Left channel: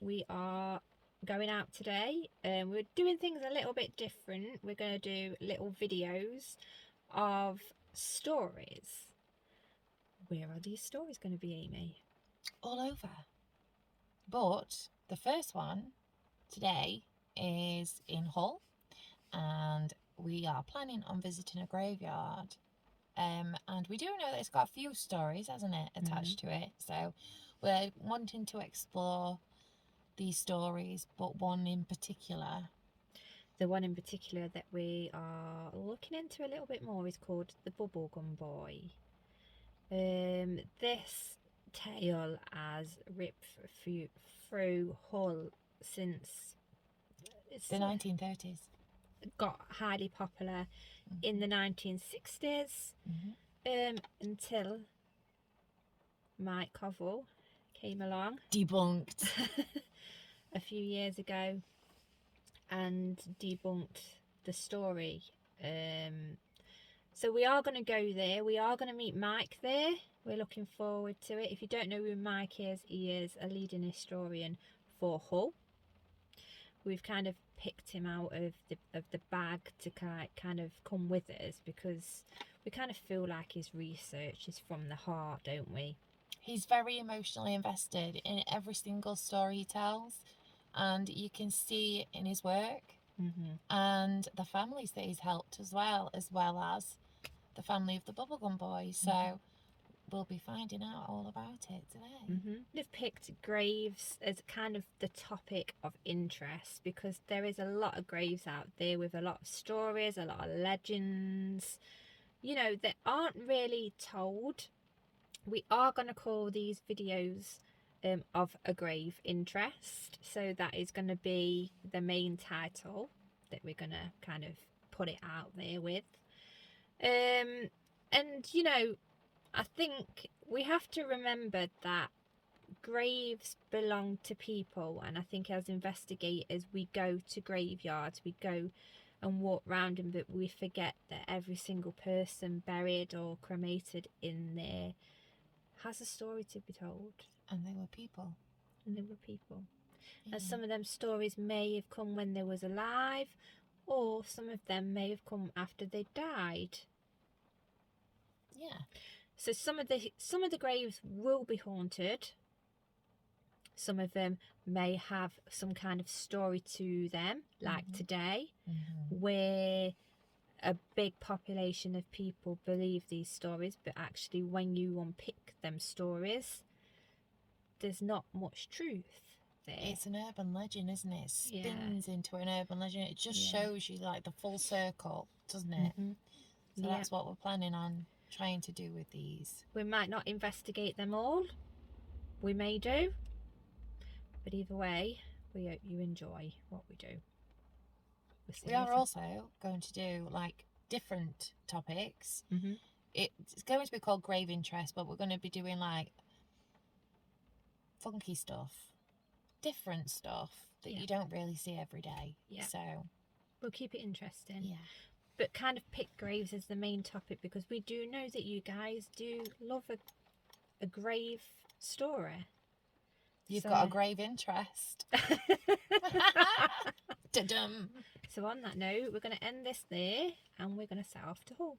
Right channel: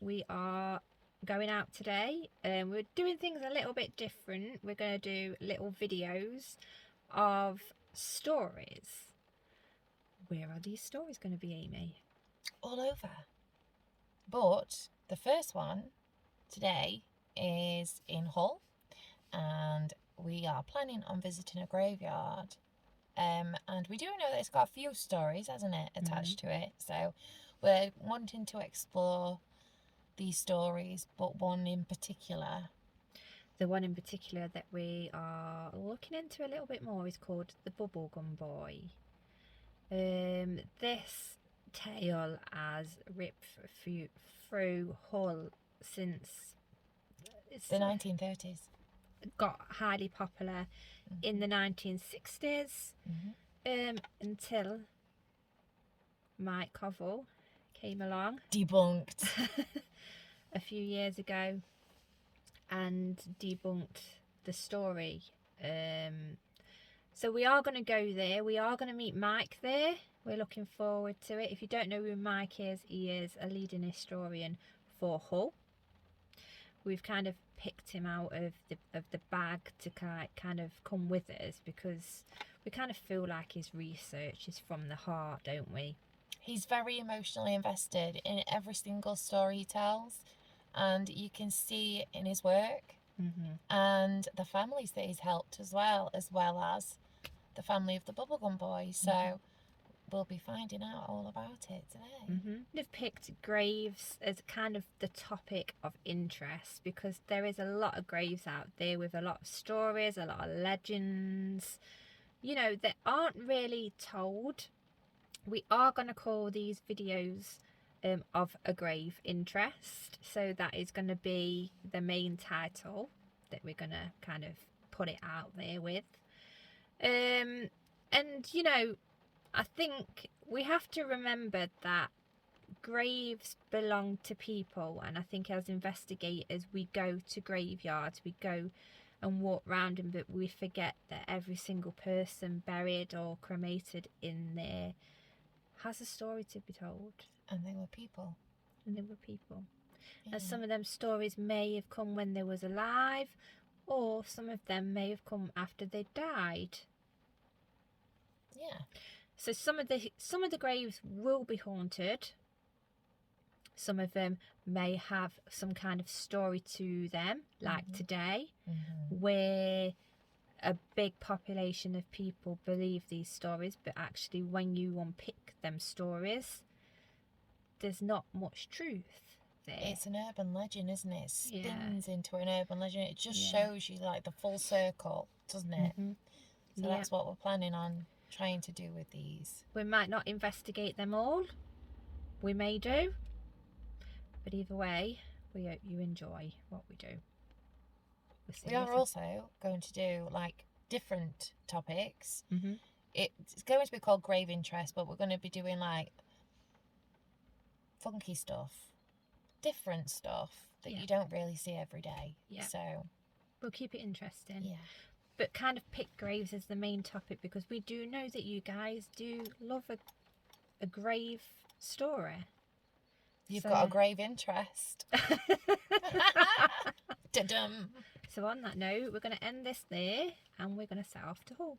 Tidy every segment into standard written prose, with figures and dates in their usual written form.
We are going out today. We're doing things a little bit different. We're going to do little videos of stories. Where are these stories going to be, Amy? All over. But the first one today is in Hull, and we are planning on visiting a graveyard. And we do know that it's got a few stories, hasn't it, attached to it. So we're wanting to explore these stories, but one in particular. The one in particular that we are looking into a little bit more is called the Bubblegum Boy. This tale has ripped through Hull since it's The 1930s. got highly popular in the 1960s, until Mike Covell came along. Debunked. A few years ago and debunked the story. So we are going to go there. We are going to meet Mike there. We're looking forward to it. If you don't know who Mike is, he is a leading historian for Hull. We've kind of picked him out of the bag to kind of come with us, because we kind of feel like his research is from the heart, don't we? He's very emotionally invested in every single story he tells, and you can see it in his work and the families that he's helped as well as the family of the Bubblegum Boy. So we'll be finding out all about it today. We've picked graves as kind of the topic of interest, because there is a lot of graves out there with a lot of stories, a lot of legends, you know, that aren't really told. We are going to call these videos of a grave interest, so that is going to be the main title that we're going to kind of put it out there with. And you know, I think we have to remember that graves belong to people, and I think as investigators we go to graveyards, we go and walk around them, but we forget that every single person buried or cremated in there has a story to be told. And they were people. And some of them stories may have come when they was alive, or some of them may have come after they died. Yeah. So some of the graves will be haunted. Some of them may have some kind of story to them, like today, where a big population of people believe these stories, but actually when you unpick them stories, there's not much truth there. It's an urban legend, isn't it? It spins into an urban legend. It just shows you like the full circle, doesn't it? So that's what we're planning on trying to do with these. We might not investigate them all. We may do. But either way, we hope you enjoy what we do. We are also going to do like different topics. It's going to be called Grave Interest, but we're going to be doing like funky stuff, different stuff that you don't really see every day. So we'll keep it interesting. Yeah. But kind of pick graves as the main topic, because we do know that you guys do love a grave story. You've got a grave interest. Da-dum. So on that note, we're going to end this there, and we're going to set off to Hull.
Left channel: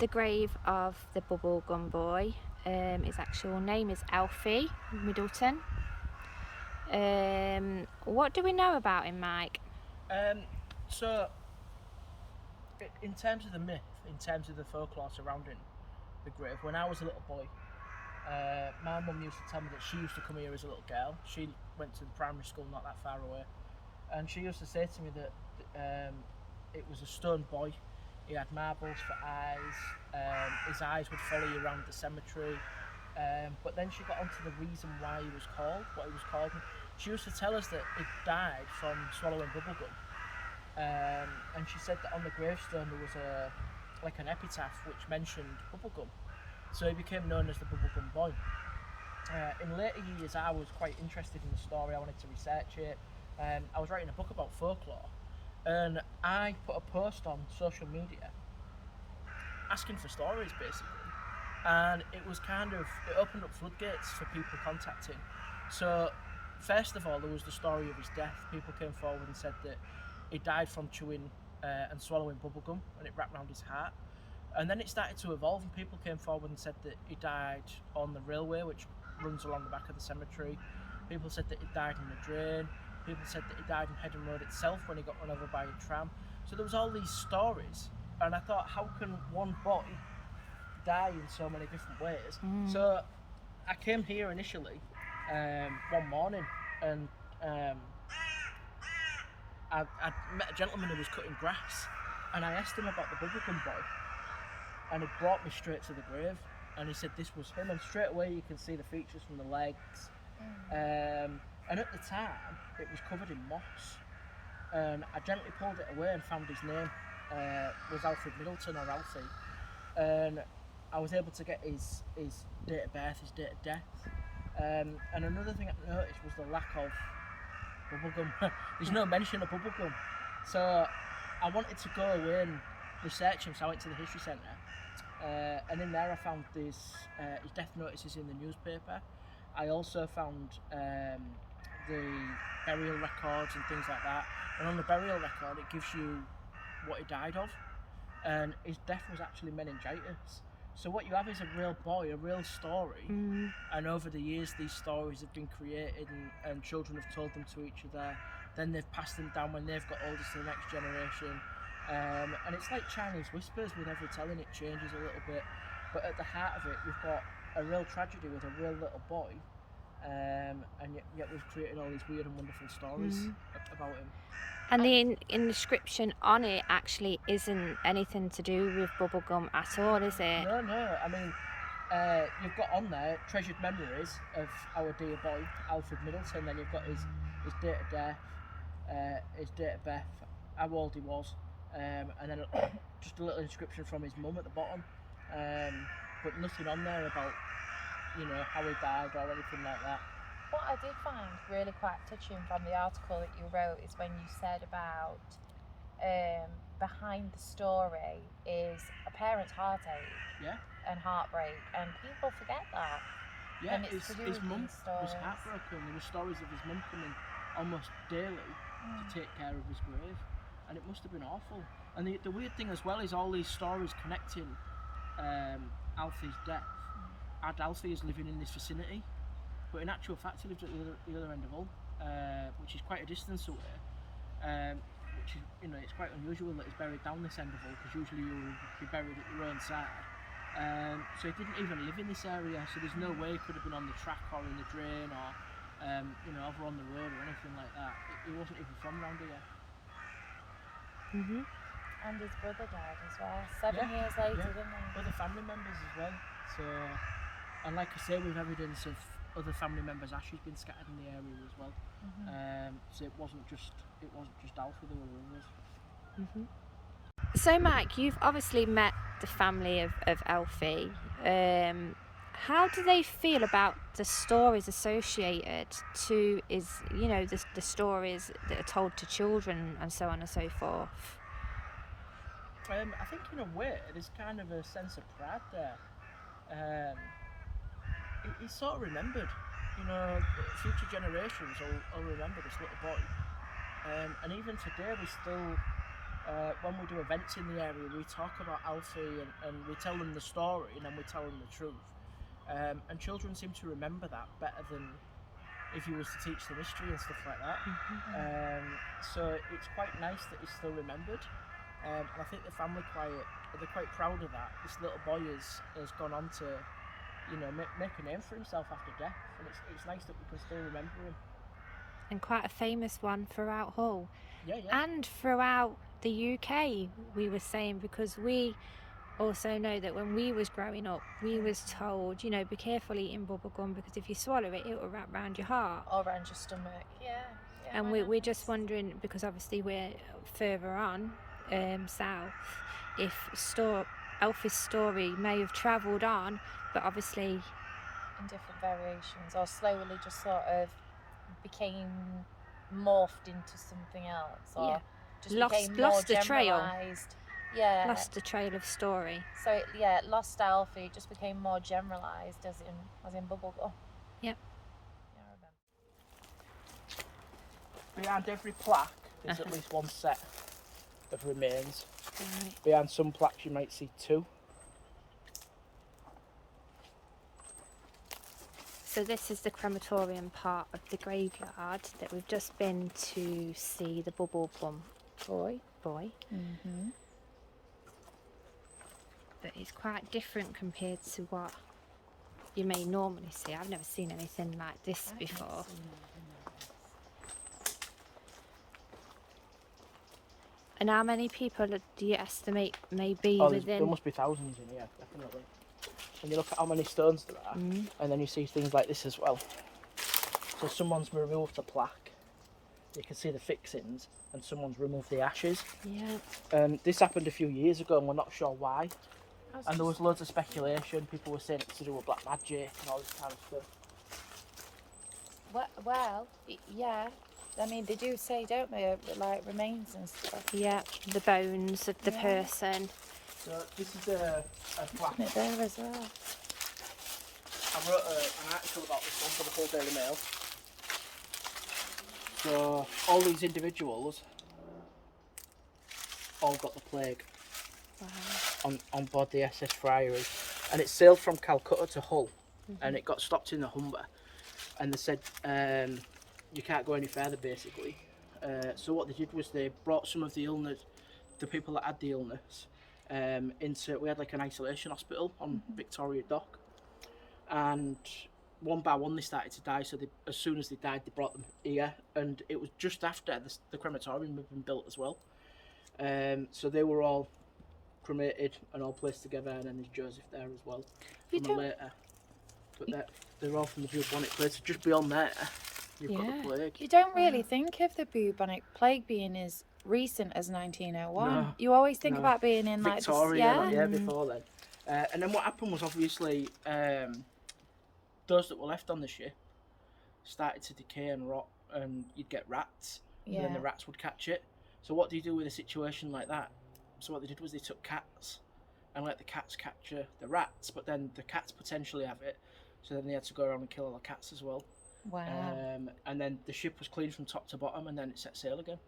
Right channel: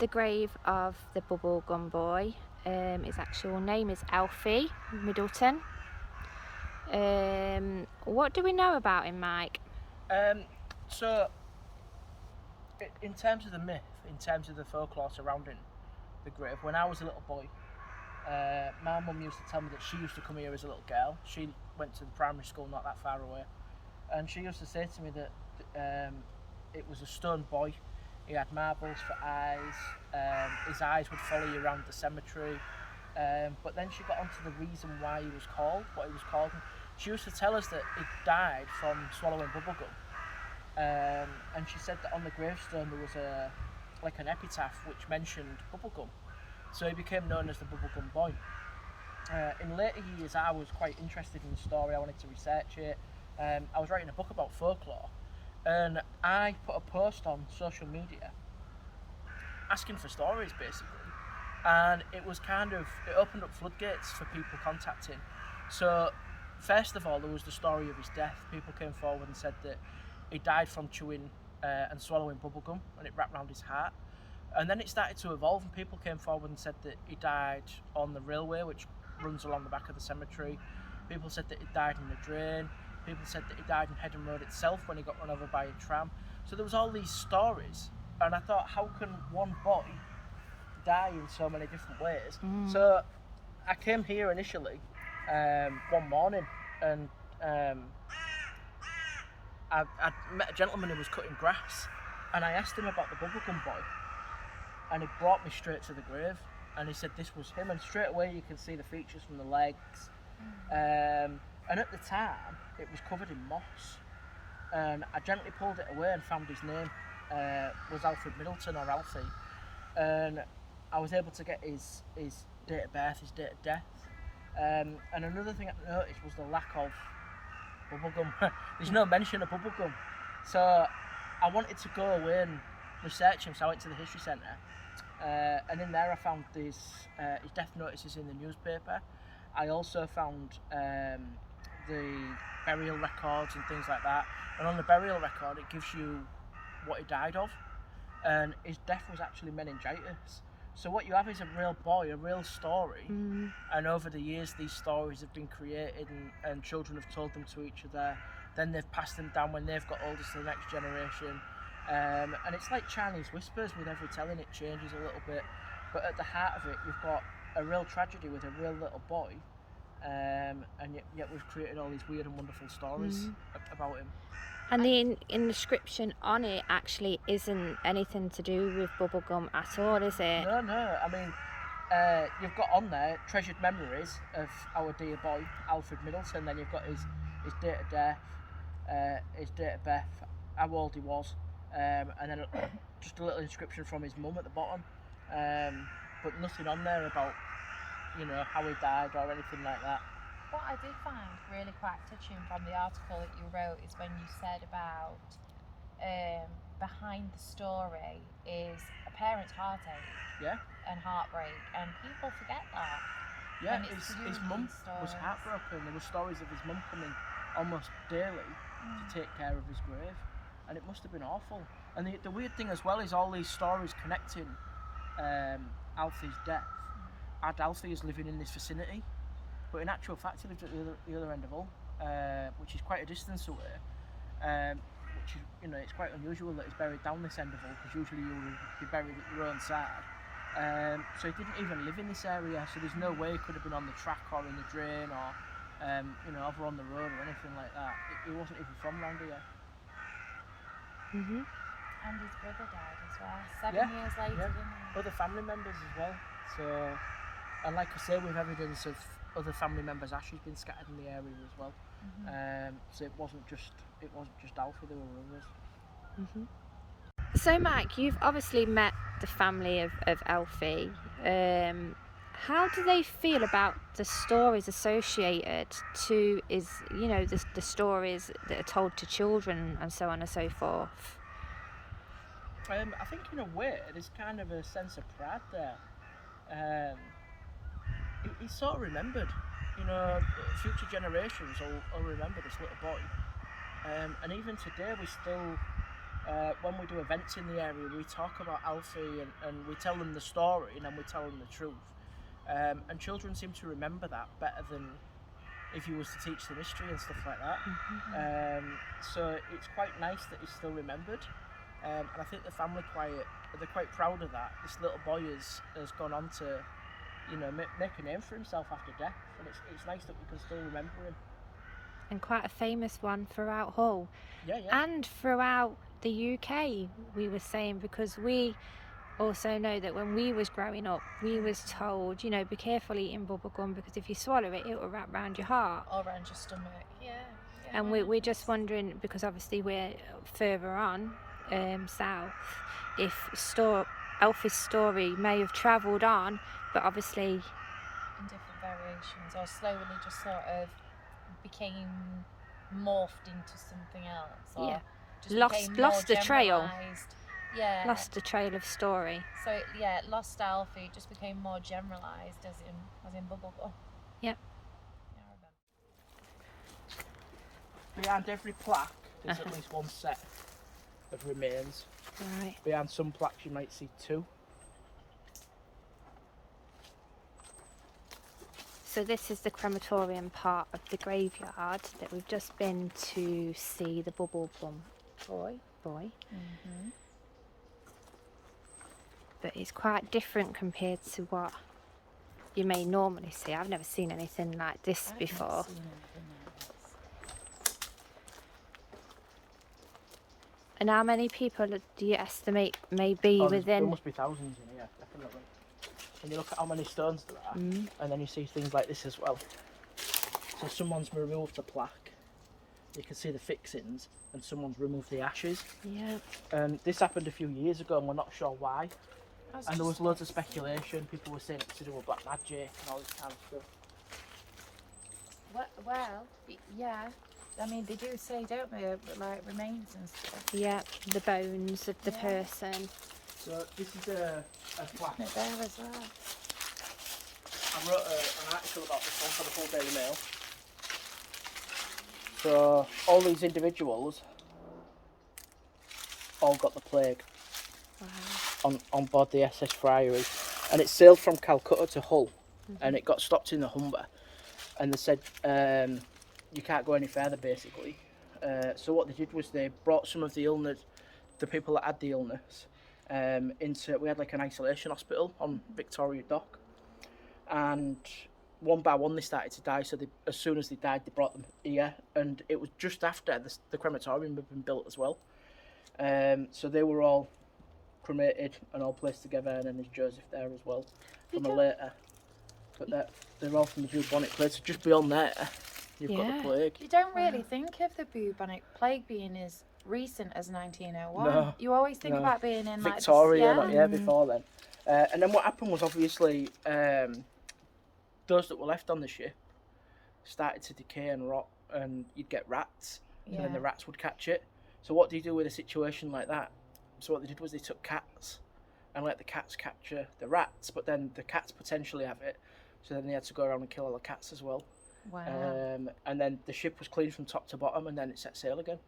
the grave of the Bubblegum Boy. His actual name is Alfie Middleton. What do we know about him, Mike? So, in terms of the myth, in terms of the folklore surrounding the grave, when I was a little boy, my mum used to tell me that she used to come here as a little girl. She went to the primary school not that far away, and she used to say to me that it was a stone boy. He had marbles for eyes. His eyes would follow you around the cemetery. But then she got onto the reason why he was called, what he was called. She used to tell us that he died from swallowing bubblegum. And she said that on the gravestone there was an epitaph which mentioned bubblegum. So he became known as the Bubblegum Boy. In later years, I was quite interested in the story. I wanted to research it. I was writing a book about folklore, and I put a post on social media asking for stories, basically. And it opened up floodgates for people contacting. So first of all, there was the story of his death. People came forward and said that he died from chewing and swallowing bubblegum, and it wrapped around his heart. And then it started to evolve, and people came forward and said that he died on the railway, which runs along the back of the cemetery. People said that he died in a drain. People said that he died in Headham Road itself when he got run over by a tram. So there was all these stories, and I thought, how can one boy die in so many different ways? So I came here initially one morning, and I met a gentleman who was cutting grass, and I asked him about the Bubblegum Boy, and he brought me straight to the grave, and he said this was him, and straight away you can see the features from the legs. And at the time it was covered in moss, and I gently pulled it away and found his name was Alfred Middleton, or Alfie, and I was able to get his date of birth, his date of death. And another thing I noticed was the lack of bubblegum. There's no mention of bubblegum, so I wanted to go away and research him, so I went to the history centre, and in there I found his death notices in the newspaper. I also found the burial records and things like that, and on the burial record it gives you what he died of, and his death was actually meningitis. So what you have is a real boy, a real story, and over the years these stories have been created, and children have told them to each other, then they've passed them down when they've got older to the next generation, and it's like Chinese whispers. With every telling it changes a little bit, but at the heart of it you've got a real tragedy with a real little boy, and yet we've created all these weird and wonderful stories about him. And the inscription on it actually isn't anything to do with bubblegum at all, is it? No. I mean, you've got on there treasured memories of our dear boy, Alfred Middleton. Then you've got his date of death, his date of birth, how old he was, and then just a little inscription from his mum at the bottom. But nothing on there about, how he died or anything like that. What I did find really quite touching from the article that you wrote is when you said about behind the story is a parent's heartache and heartbreak, and people forget that. Yeah, his mum was heartbroken. There were stories of his mum coming almost daily to take care of his grave, and it must have been awful. And the weird thing as well is all these stories connecting Alfie's death had Alfie as living in this vicinity. But in actual fact, he lived at the other end of Hull, which is quite a distance away. Which is, it's quite unusual that he's buried down this end of Hull, because usually you'll be buried at your own side. So he didn't even live in this area, so there's no way he could have been on the track or in the drain or, over on the road or anything like that. He wasn't even from round here. And his brother died as well, 7 years later, didn't he? Other family members as well. So, and like I say, we've evidence of other family members' ashes been scattered in the area as well. So it wasn't just Alfie, there were others. So Mike, you've obviously met the family of Alfie. How do they feel about the stories associated to the stories that are told to children and so on and so forth? I think in a way there's kind of a sense of pride there. He's sort of remembered, future generations will remember this little boy, and even today we still when we do events in the area, we talk about Alfie and we tell them the story and then we tell them the truth. And children seem to remember that better than if you was to teach them history and stuff like that. So it's quite nice that he's still remembered. And I think the family they're quite proud of that. This little boy has gone on to, you know, make a name for himself after death, and it's nice that we can still remember him. And quite a famous one throughout Hull. Yeah. And throughout the UK, we were saying, because we also know that when we was growing up, we was told, you know, be careful eating bubblegum because if you swallow it, it will wrap round your heart. Or around your stomach, yeah. And we're just wondering, because obviously we're further on south, if Alfie's story may have travelled on, but obviously in different variations, or slowly just sort of became morphed into something else, or just lost the trail. Yeah, lost the trail of story. So it lost Alfie. It just became more generalised, as in bubblegum. Yep. Behind every plaque, there's at least one set of remains. Right. Behind some plaques, you might see two. So this is the crematorium part of the graveyard that we've just been to see the Bubblegum Boy. But it's quite different compared to what you may normally see. I've never seen anything like this before. And how many people do you estimate may be within? There must be thousands in here, definitely. And you look at how many stones there are, and then you see things like this as well. So someone's removed the plaque, you can see the fixings, and someone's removed the ashes. Yeah. This happened a few years ago and we're not sure why. And there was loads of speculation, people were saying it's to do with black magic and all this kind of stuff. Well, yeah. I mean, they do say, don't they, like remains and stuff. Yeah, the bones of the person. So this is a plaque. There as well. I wrote an article about this one for the Hull Daily Mail. So all these individuals all got the plague. Wow. On board the SS Friary, and it sailed from Calcutta to Hull, and it got stopped in the Humber, and they said you can't go any further basically. So what they did was they brought some of the illness, the people that had the illness, we had like an isolation hospital on Victoria Dock, and one by one they started to die. So as soon as they died, they brought them here, and it was just after the crematorium had been built as well. So they were all cremated and all placed together, and then there's Joseph there as well from a later. But they're all from the bubonic plague. So just beyond there, you've got the plague. You don't really think of the bubonic plague being as recent as 1901. No, you always think about being in Victoria, like this, before then. And then what happened was obviously those that were left on the ship started to decay and rot, and you'd get rats, and then the rats would catch it. So what do you do with a situation like that? So what they did was they took cats and let the cats capture the rats, but then the cats potentially have it, so then they had to go around and kill all the cats as well. Wow. And then the ship was cleaned from top to bottom, and then it set sail again.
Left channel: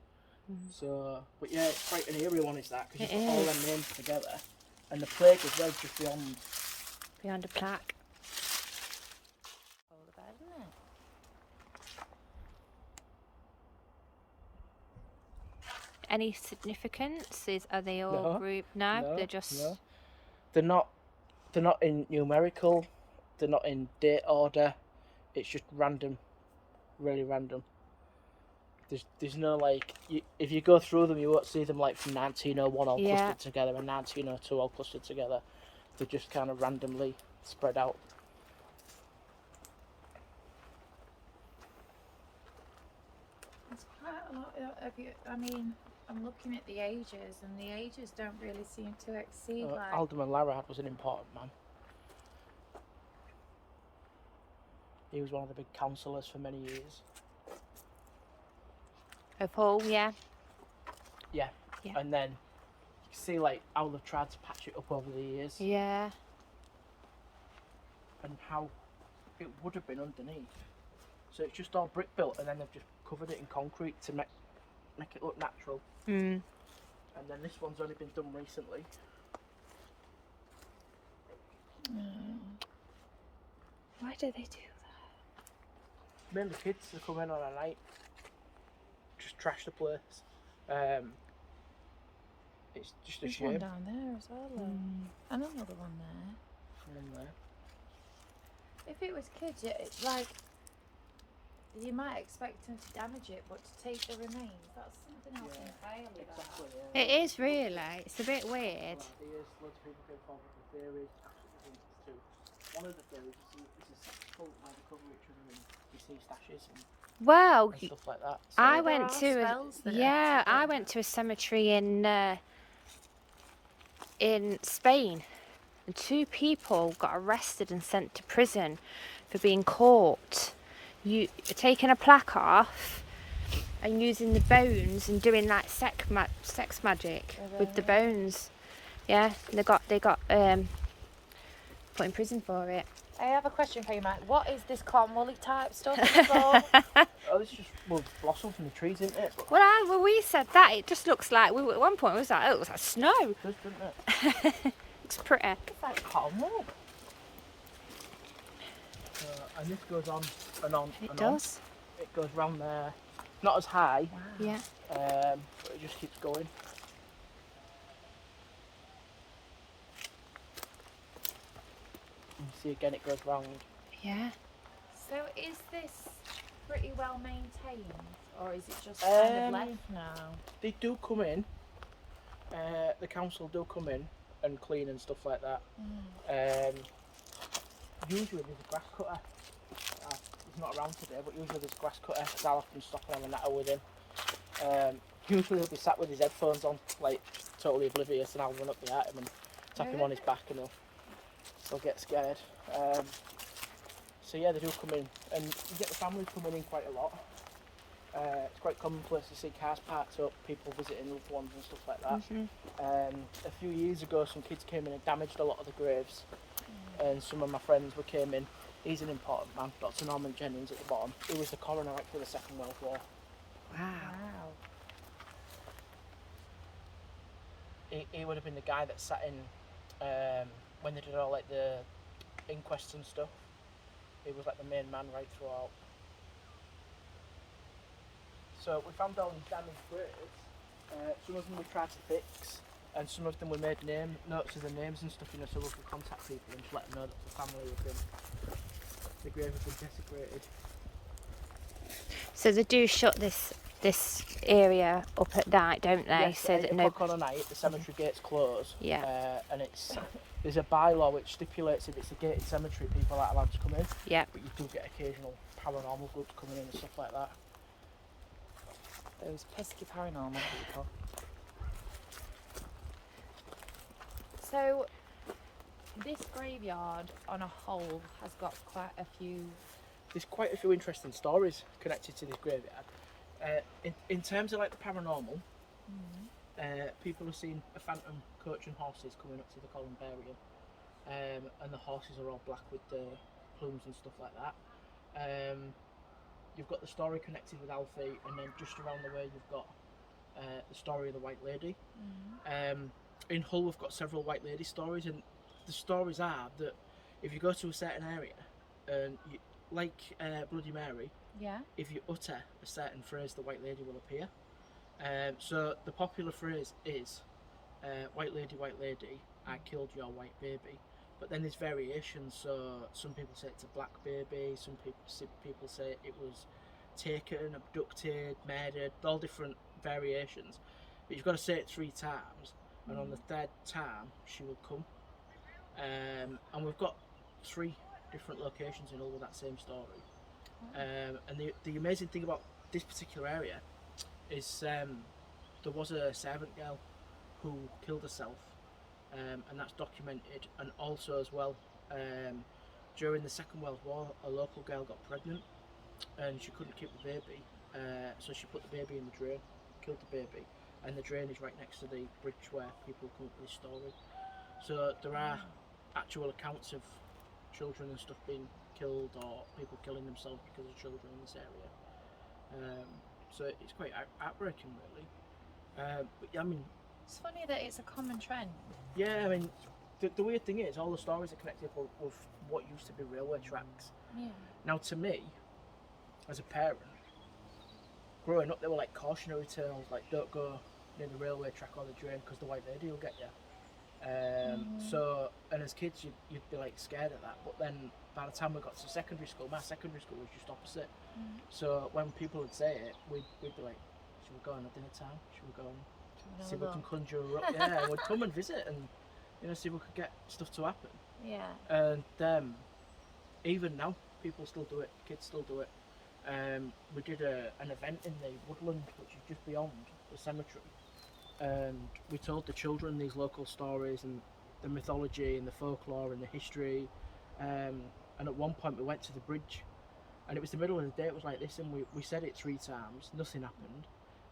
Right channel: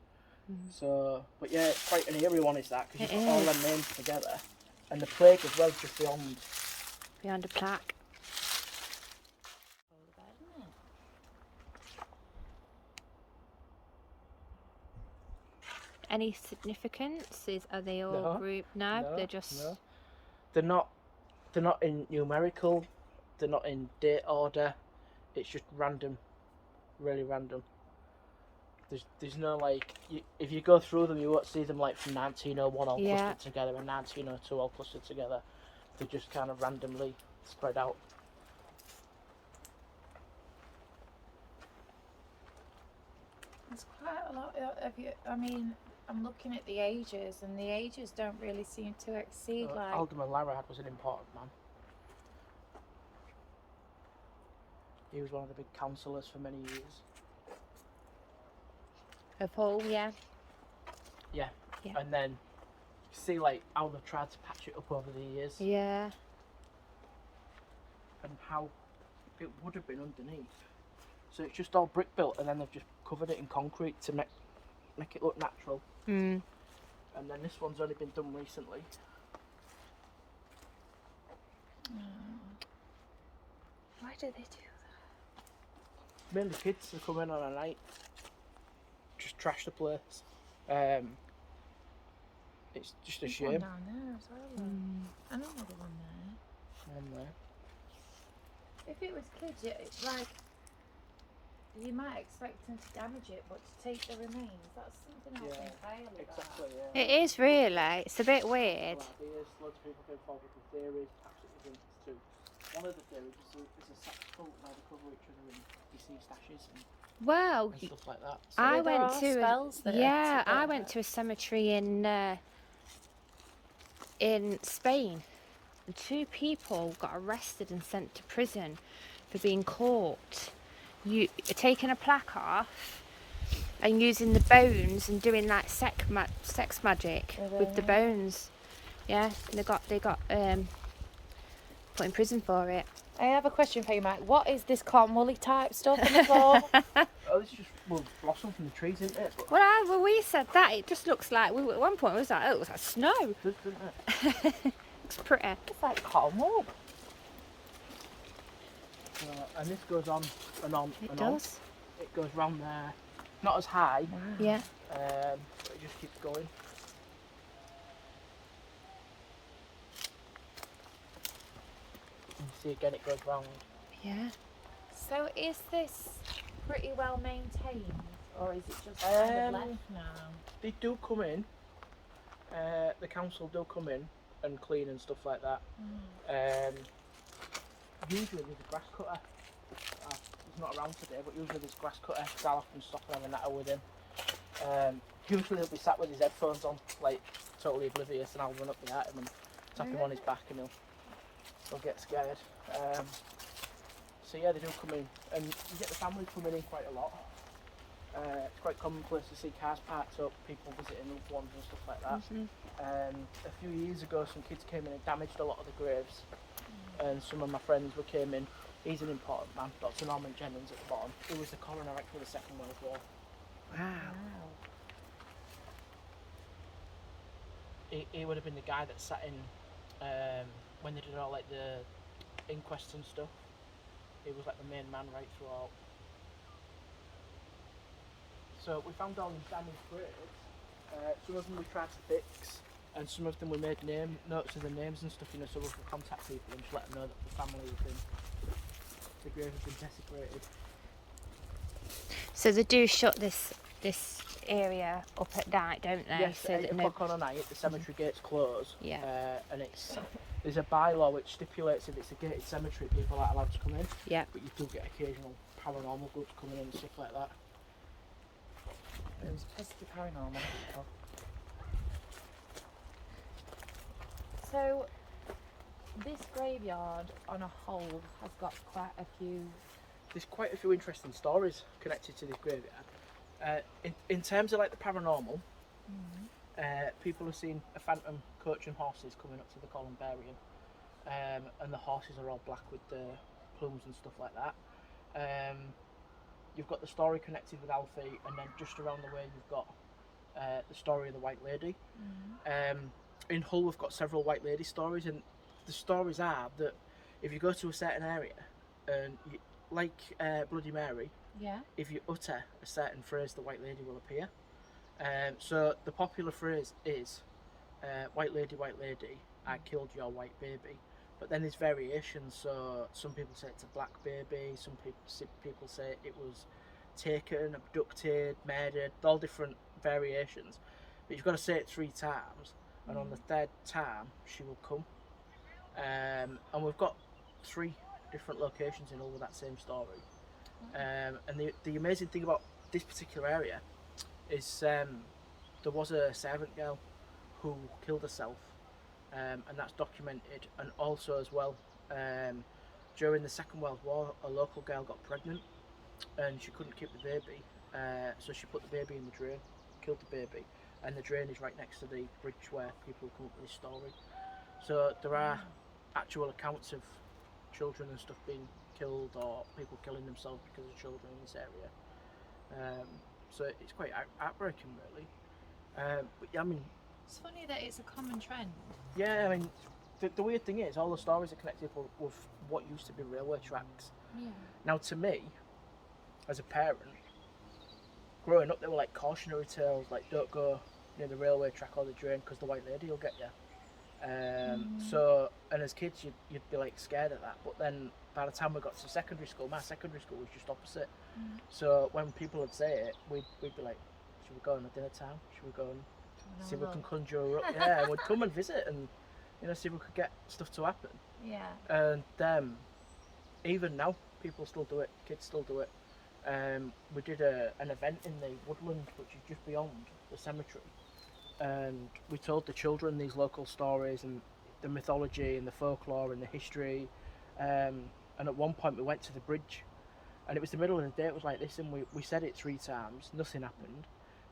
So, but yeah, it's quite an eerie one, is that? Because you've got all them names together, and the plague as well just beyond a plaque. Any significance? Are they all grouped? No, they're just. No. They're not in numerical. They're not in date order. It's just random, really random. There's no like. If you go through them, you won't see them like from 1901 all clustered together and 1902 all clustered together. They're just kind of randomly spread out. There's quite a lot of you. I mean, I'm looking at the ages, and the ages don't really seem to exceed like. Alderman Larrard was an important man. He was one of the big councillors for many years. Of Hull, yeah. And then you see like how they've tried to patch it up over the years. Yeah. And how it would have been underneath. So it's just all brick built, and then they've just covered it in concrete to make it look natural. and then this one's only been done recently. Why do they do Mainly kids who come in on a night, just trash the place. It's just a There's shame. one down there as well. that? And another one there. One there. If it was kids, it's like you might expect them to damage it, but to take the remains, that's something else entirely. Exactly. It is really. It's a bit weird. Loads of people came forward with the theories, absolutely too. One of the theories is it's a sex cult where they cover each other in deceased ashes Well, and stuff like that. So I there went are to spells that I activate went to a cemetery in Spain, and 2 people got arrested and sent to prison for being caught taking a plaque off and using the bones and doing like sex magic with the bones. Yeah, they got put in prison for it. I have a question for you, Mike. What is this cotton woolly type stuff? Oh, this is just blossom from the trees, isn't it? Well, we said that it just looks like at one point we was like, oh, it looks like snow. It does, doesn't it? It's pretty. It's like cotton wool. And this goes on and on It and does. on. It goes round there. Not as high, Yeah. but it just keeps going. You see again, it goes round. Yeah. So is this pretty well maintained, or is it just kind of left now? They do come in. The council do come in and clean and stuff like that. Usually there's a grass cutter. He's not around today, but usually there's a grass cutter. So I'll often stop and have a natter with him. Usually he'll be sat with his headphones on, like totally oblivious, and I'll run up behind him and tap him on his back, and he'll get scared. So yeah, they do come in, and you get the family coming in quite a lot. It's quite commonplace to see cars parked up, people visiting loved ones and stuff like that. A few years ago, some kids came in and damaged a lot of the graves, and some of my friends came in. He's an important man, Dr. Norman Jennings at the bottom. He was the coroner after the Second World War. Wow. He would have been the guy that sat in when they did all like the inquests and stuff. He was like the main man right throughout. So we found all these damaged graves. Some of them we tried to fix, and some of them we made notes of the names and stuff, so we could contact people and just let them know that the family had been, the grave had been desecrated. So they do shut this area up at night, don't they? Yes, so at that 8 no. o'clock on a night, the cemetery gates close. Yeah. And there's a bylaw which stipulates if it's a gated cemetery, people aren't allowed to come in. Yeah. But you do get occasional paranormal groups coming in and stuff like that. Those pesky paranormal people. So, this graveyard on a whole has got quite a few. There's quite a few interesting stories connected to this graveyard. In terms of like the paranormal, people have seen a phantom coach and horses coming up to the columbarium, and the horses are all black with the plumes and stuff like that. You've got the story connected with Alfie, and then just around the way you've got the story of the White Lady. In Hull we've got several White Lady stories, and the stories are that if you go to a certain area, and you, like Bloody Mary, Yeah. if you utter a certain phrase, the White Lady will appear. So the popular phrase is, White Lady, I killed your white baby. But then there's variations, so some people say it's a black baby, some people say it was taken, abducted, murdered, all different variations. But you've got to say it 3 times, and on the 3rd time she will come. And we've got 3 different locations in all with that same story. And the amazing thing about this particular area is there was a servant girl who killed herself. And that's documented, and also as well during the Second World War a local girl got pregnant and she couldn't keep the baby, so she put the baby in the drain, killed the baby, and the drain is right next to the bridge where people come up with this story. So there are actual accounts of children and stuff being killed, or people killing themselves because of children in this area. So it's quite heartbreaking really. But yeah, I mean, It's funny that it's a common trend. Yeah, I mean, the weird thing is, all the stories are connected with what used to be railway tracks. Yeah. Now, to me, as a parent, growing up, they were like cautionary tales, like don't go near the railway track or the drain because the white lady will get you. So, and as kids, you'd be like scared of that. But then by the time we got to secondary school, my secondary school was just opposite. So when people would say it, we'd be like, should we go on a dinner time? Should we go and see if we can conjure her up? Yeah, we'd come and visit and, you know, see if we could get stuff to happen. Yeah. And even now, people still do it. Kids still do it. We did an event in the woodland, which is just beyond the cemetery. And we told the children these local stories and the mythology and the folklore and the history. And at one point we went to the bridge, and it was the middle of the day. It was like this, and we said it 3 times. Nothing happened.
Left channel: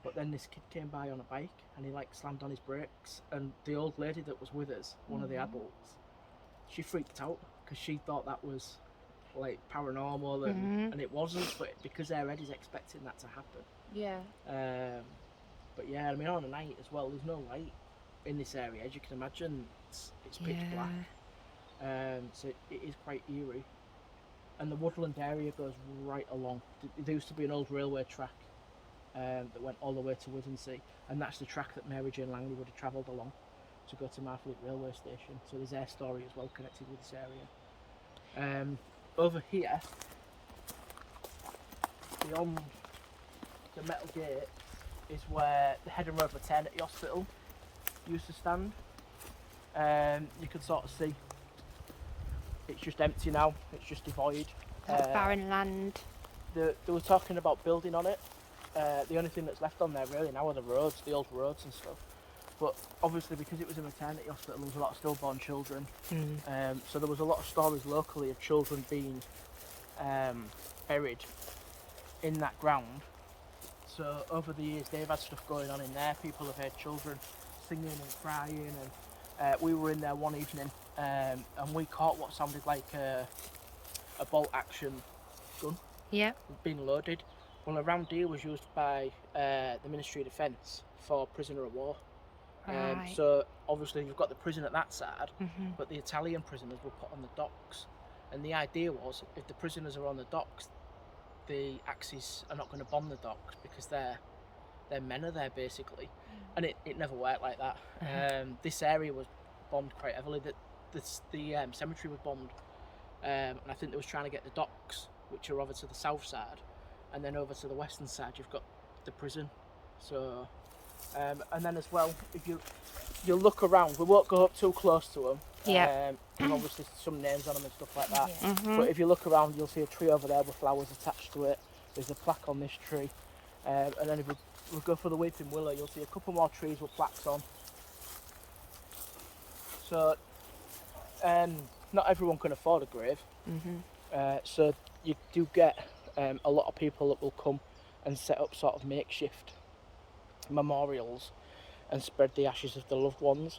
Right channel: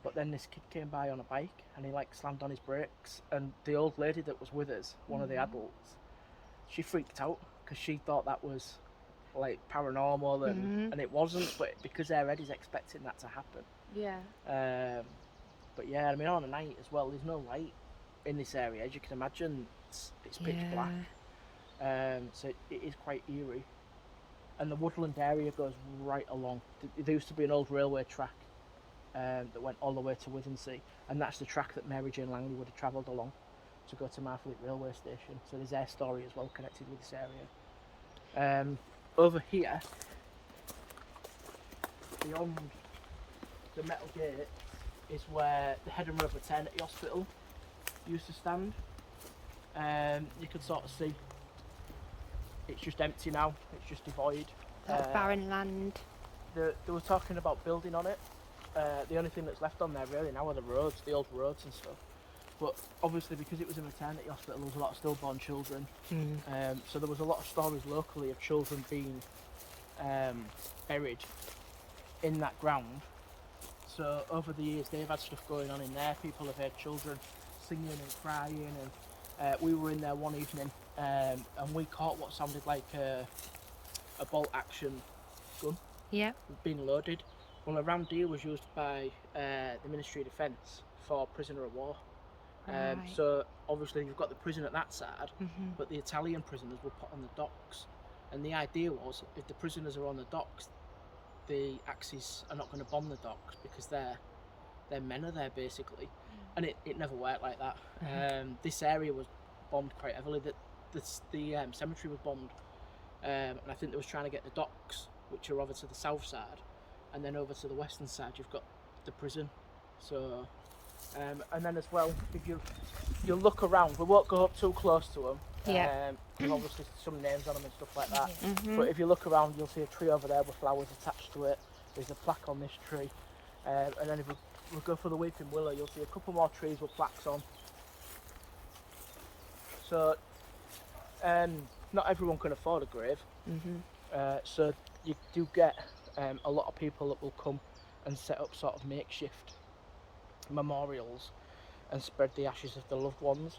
But then this kid came by on a bike, and he like slammed on his brakes. And the old lady that was with us, one of the adults, she freaked out because she thought that was like paranormal, and it wasn't. But because their head is expecting that to happen. Yeah. But yeah, I mean, on a night as well, there's no light in this area. As you can imagine, it's pitch black. So it is quite eerie. And the woodland area goes right along. There used to be an old railway track that went all the way to Withensea, and that's the track that Mary Jane Langley would have travelled along to go to Marfleet railway station. So there's their story as well connected with this area. Over here, beyond the metal gate, is where the Head and Road Maternity Hospital used to stand. You can sort of see it's just empty now, it's just devoid. That's barren land. They were talking about building on it. The only thing that's left on there really now are the roads, the old roads and stuff. But obviously because it was a maternity hospital, there was a lot of stillborn children. So there was a lot of stories locally of children being buried in that ground. So over the years they've had stuff going on in there. People have heard children singing and crying, and we were in there one evening and we caught what sounded like a bolt action gun being loaded. Well, a round deer was used by the Ministry of Defence for prisoner of war. Right. So obviously you've got the prison at that side, but the Italian prisoners were put on the docks, and the idea was if the prisoners are on the docks, the Axis are not going to bomb the docks because their men are there basically. And it never worked like that. This area was bombed quite heavily. The cemetery was bombed, and I think they was trying to get the docks, which are over to the south side, and then over to the western side you've got the prison. So and then as well, if you look around, we won't go up too close to them. And obviously some names on them and stuff like that. But if you look around, you'll see a tree over there with flowers attached to it. There's a plaque on this tree. And then if you go for the weeping willow, you'll see a couple more trees with plaques on. So not everyone can afford a grave. So you do get a lot of people that will come and set up sort of makeshift memorials and spread the ashes of the loved ones.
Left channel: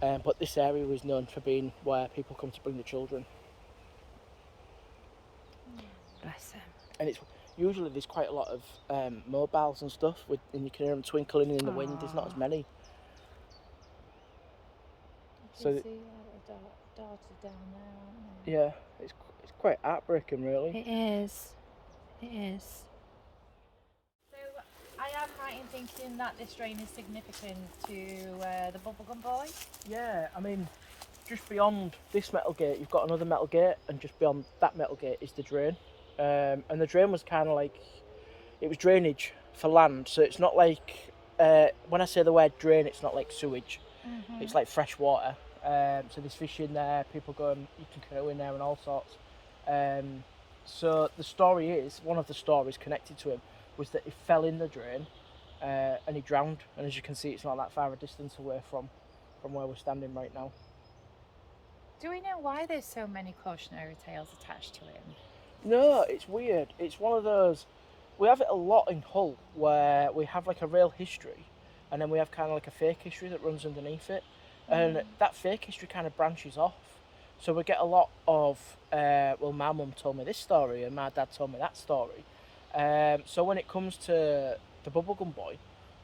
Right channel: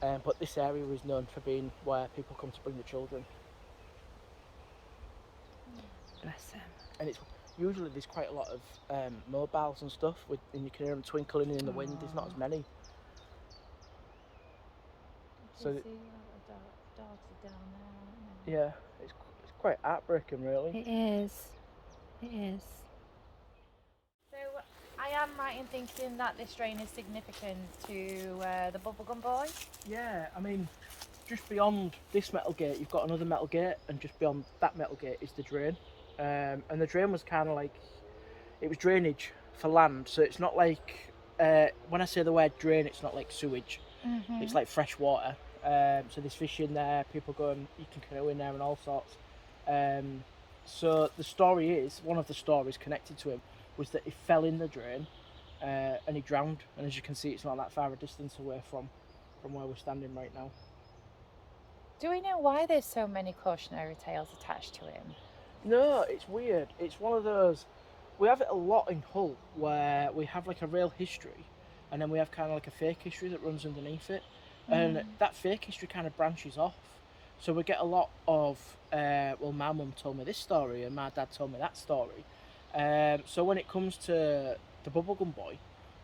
But this area is known for being where people come to bring the children. Bless them. And it's usually there's quite a lot of mobiles and stuff, and you can hear them twinkling in the wind. There's not as many. So you see the dogs are down there, yeah, it's quite heartbreaking, really. It is. It is. So I am right in thinking that this drain is significant to the Bubblegum Boy. Yeah, I mean, just beyond this metal gate, you've got another metal gate, and just beyond that metal gate is the drain. And the drain was kind of like, it was drainage for land, so it's not like, when I say the word drain, it's not like sewage, it's like fresh water. So there's fish in there, people go and you can canoe in there and all sorts. So the story is, one of the stories connected to him was that he fell in the drain and he drowned, and as you can see it's not that far a distance away from where we're standing right now. Do we know why there's so many cautionary tales attached to him? No, it's weird. It's one of those, we have it a lot in Hull where we have like a real history and then we have kind of like a fake history that runs underneath it, and that fake history kind of branches off. So we get a lot of, well, my mum told me this story and my dad told me that story. So when it comes to the Bubblegum Boy,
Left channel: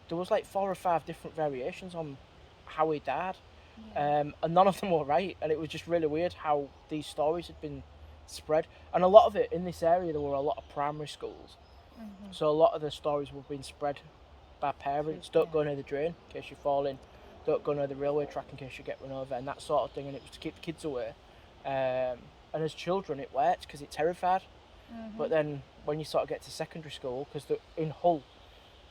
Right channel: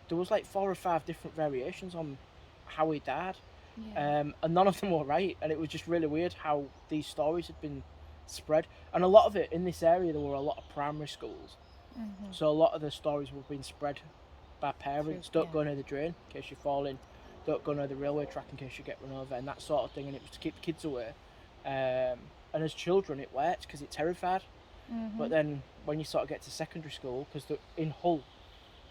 there was like 4 or 5 different variations on how he died, Yeah. and none of them were right. And it was just really weird how these stories had been spread. And a lot of it in this area, there were a lot of primary schools, so a lot of the stories were being spread by parents. Don't go near the drain in case you fall in. Don't go near the railway track in case you get run over, and that sort of thing. And it was to keep the kids away. And as children, it worked because it terrified. But then when you sort of get to secondary school, because in Hull,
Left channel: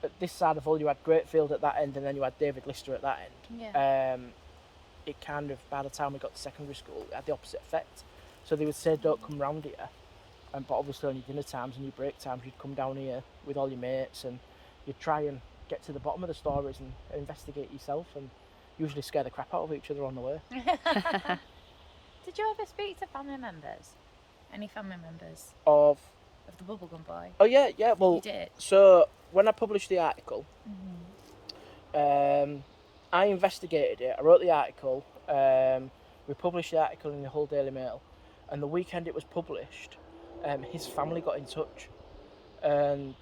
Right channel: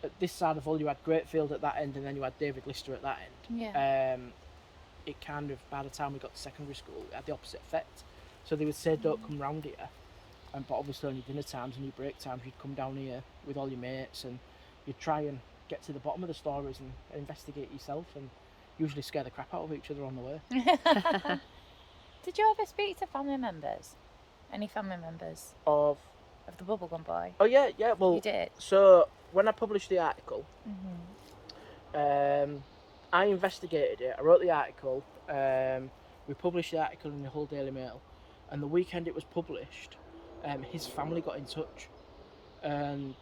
at this side of Hull, you had Greatfield at that end, and then you had David Lister at that end. Yeah. It kind of, by the time we got to secondary school, it had the opposite effect. So they would say, don't come round here. But obviously on your dinner times and your break times, you'd come down here with all your mates, and you'd try and get to the bottom of the stories and investigate yourself, and usually scare the crap out of each other on the way. Did you ever speak to family members? Any family members Of the Bubblegum Boy? Oh yeah, well, You did? so when I published the article, Mm-hmm. I investigated it. I wrote the article. We published the article in the Hull Daily Mail, and the weekend it was published, his family got in touch, and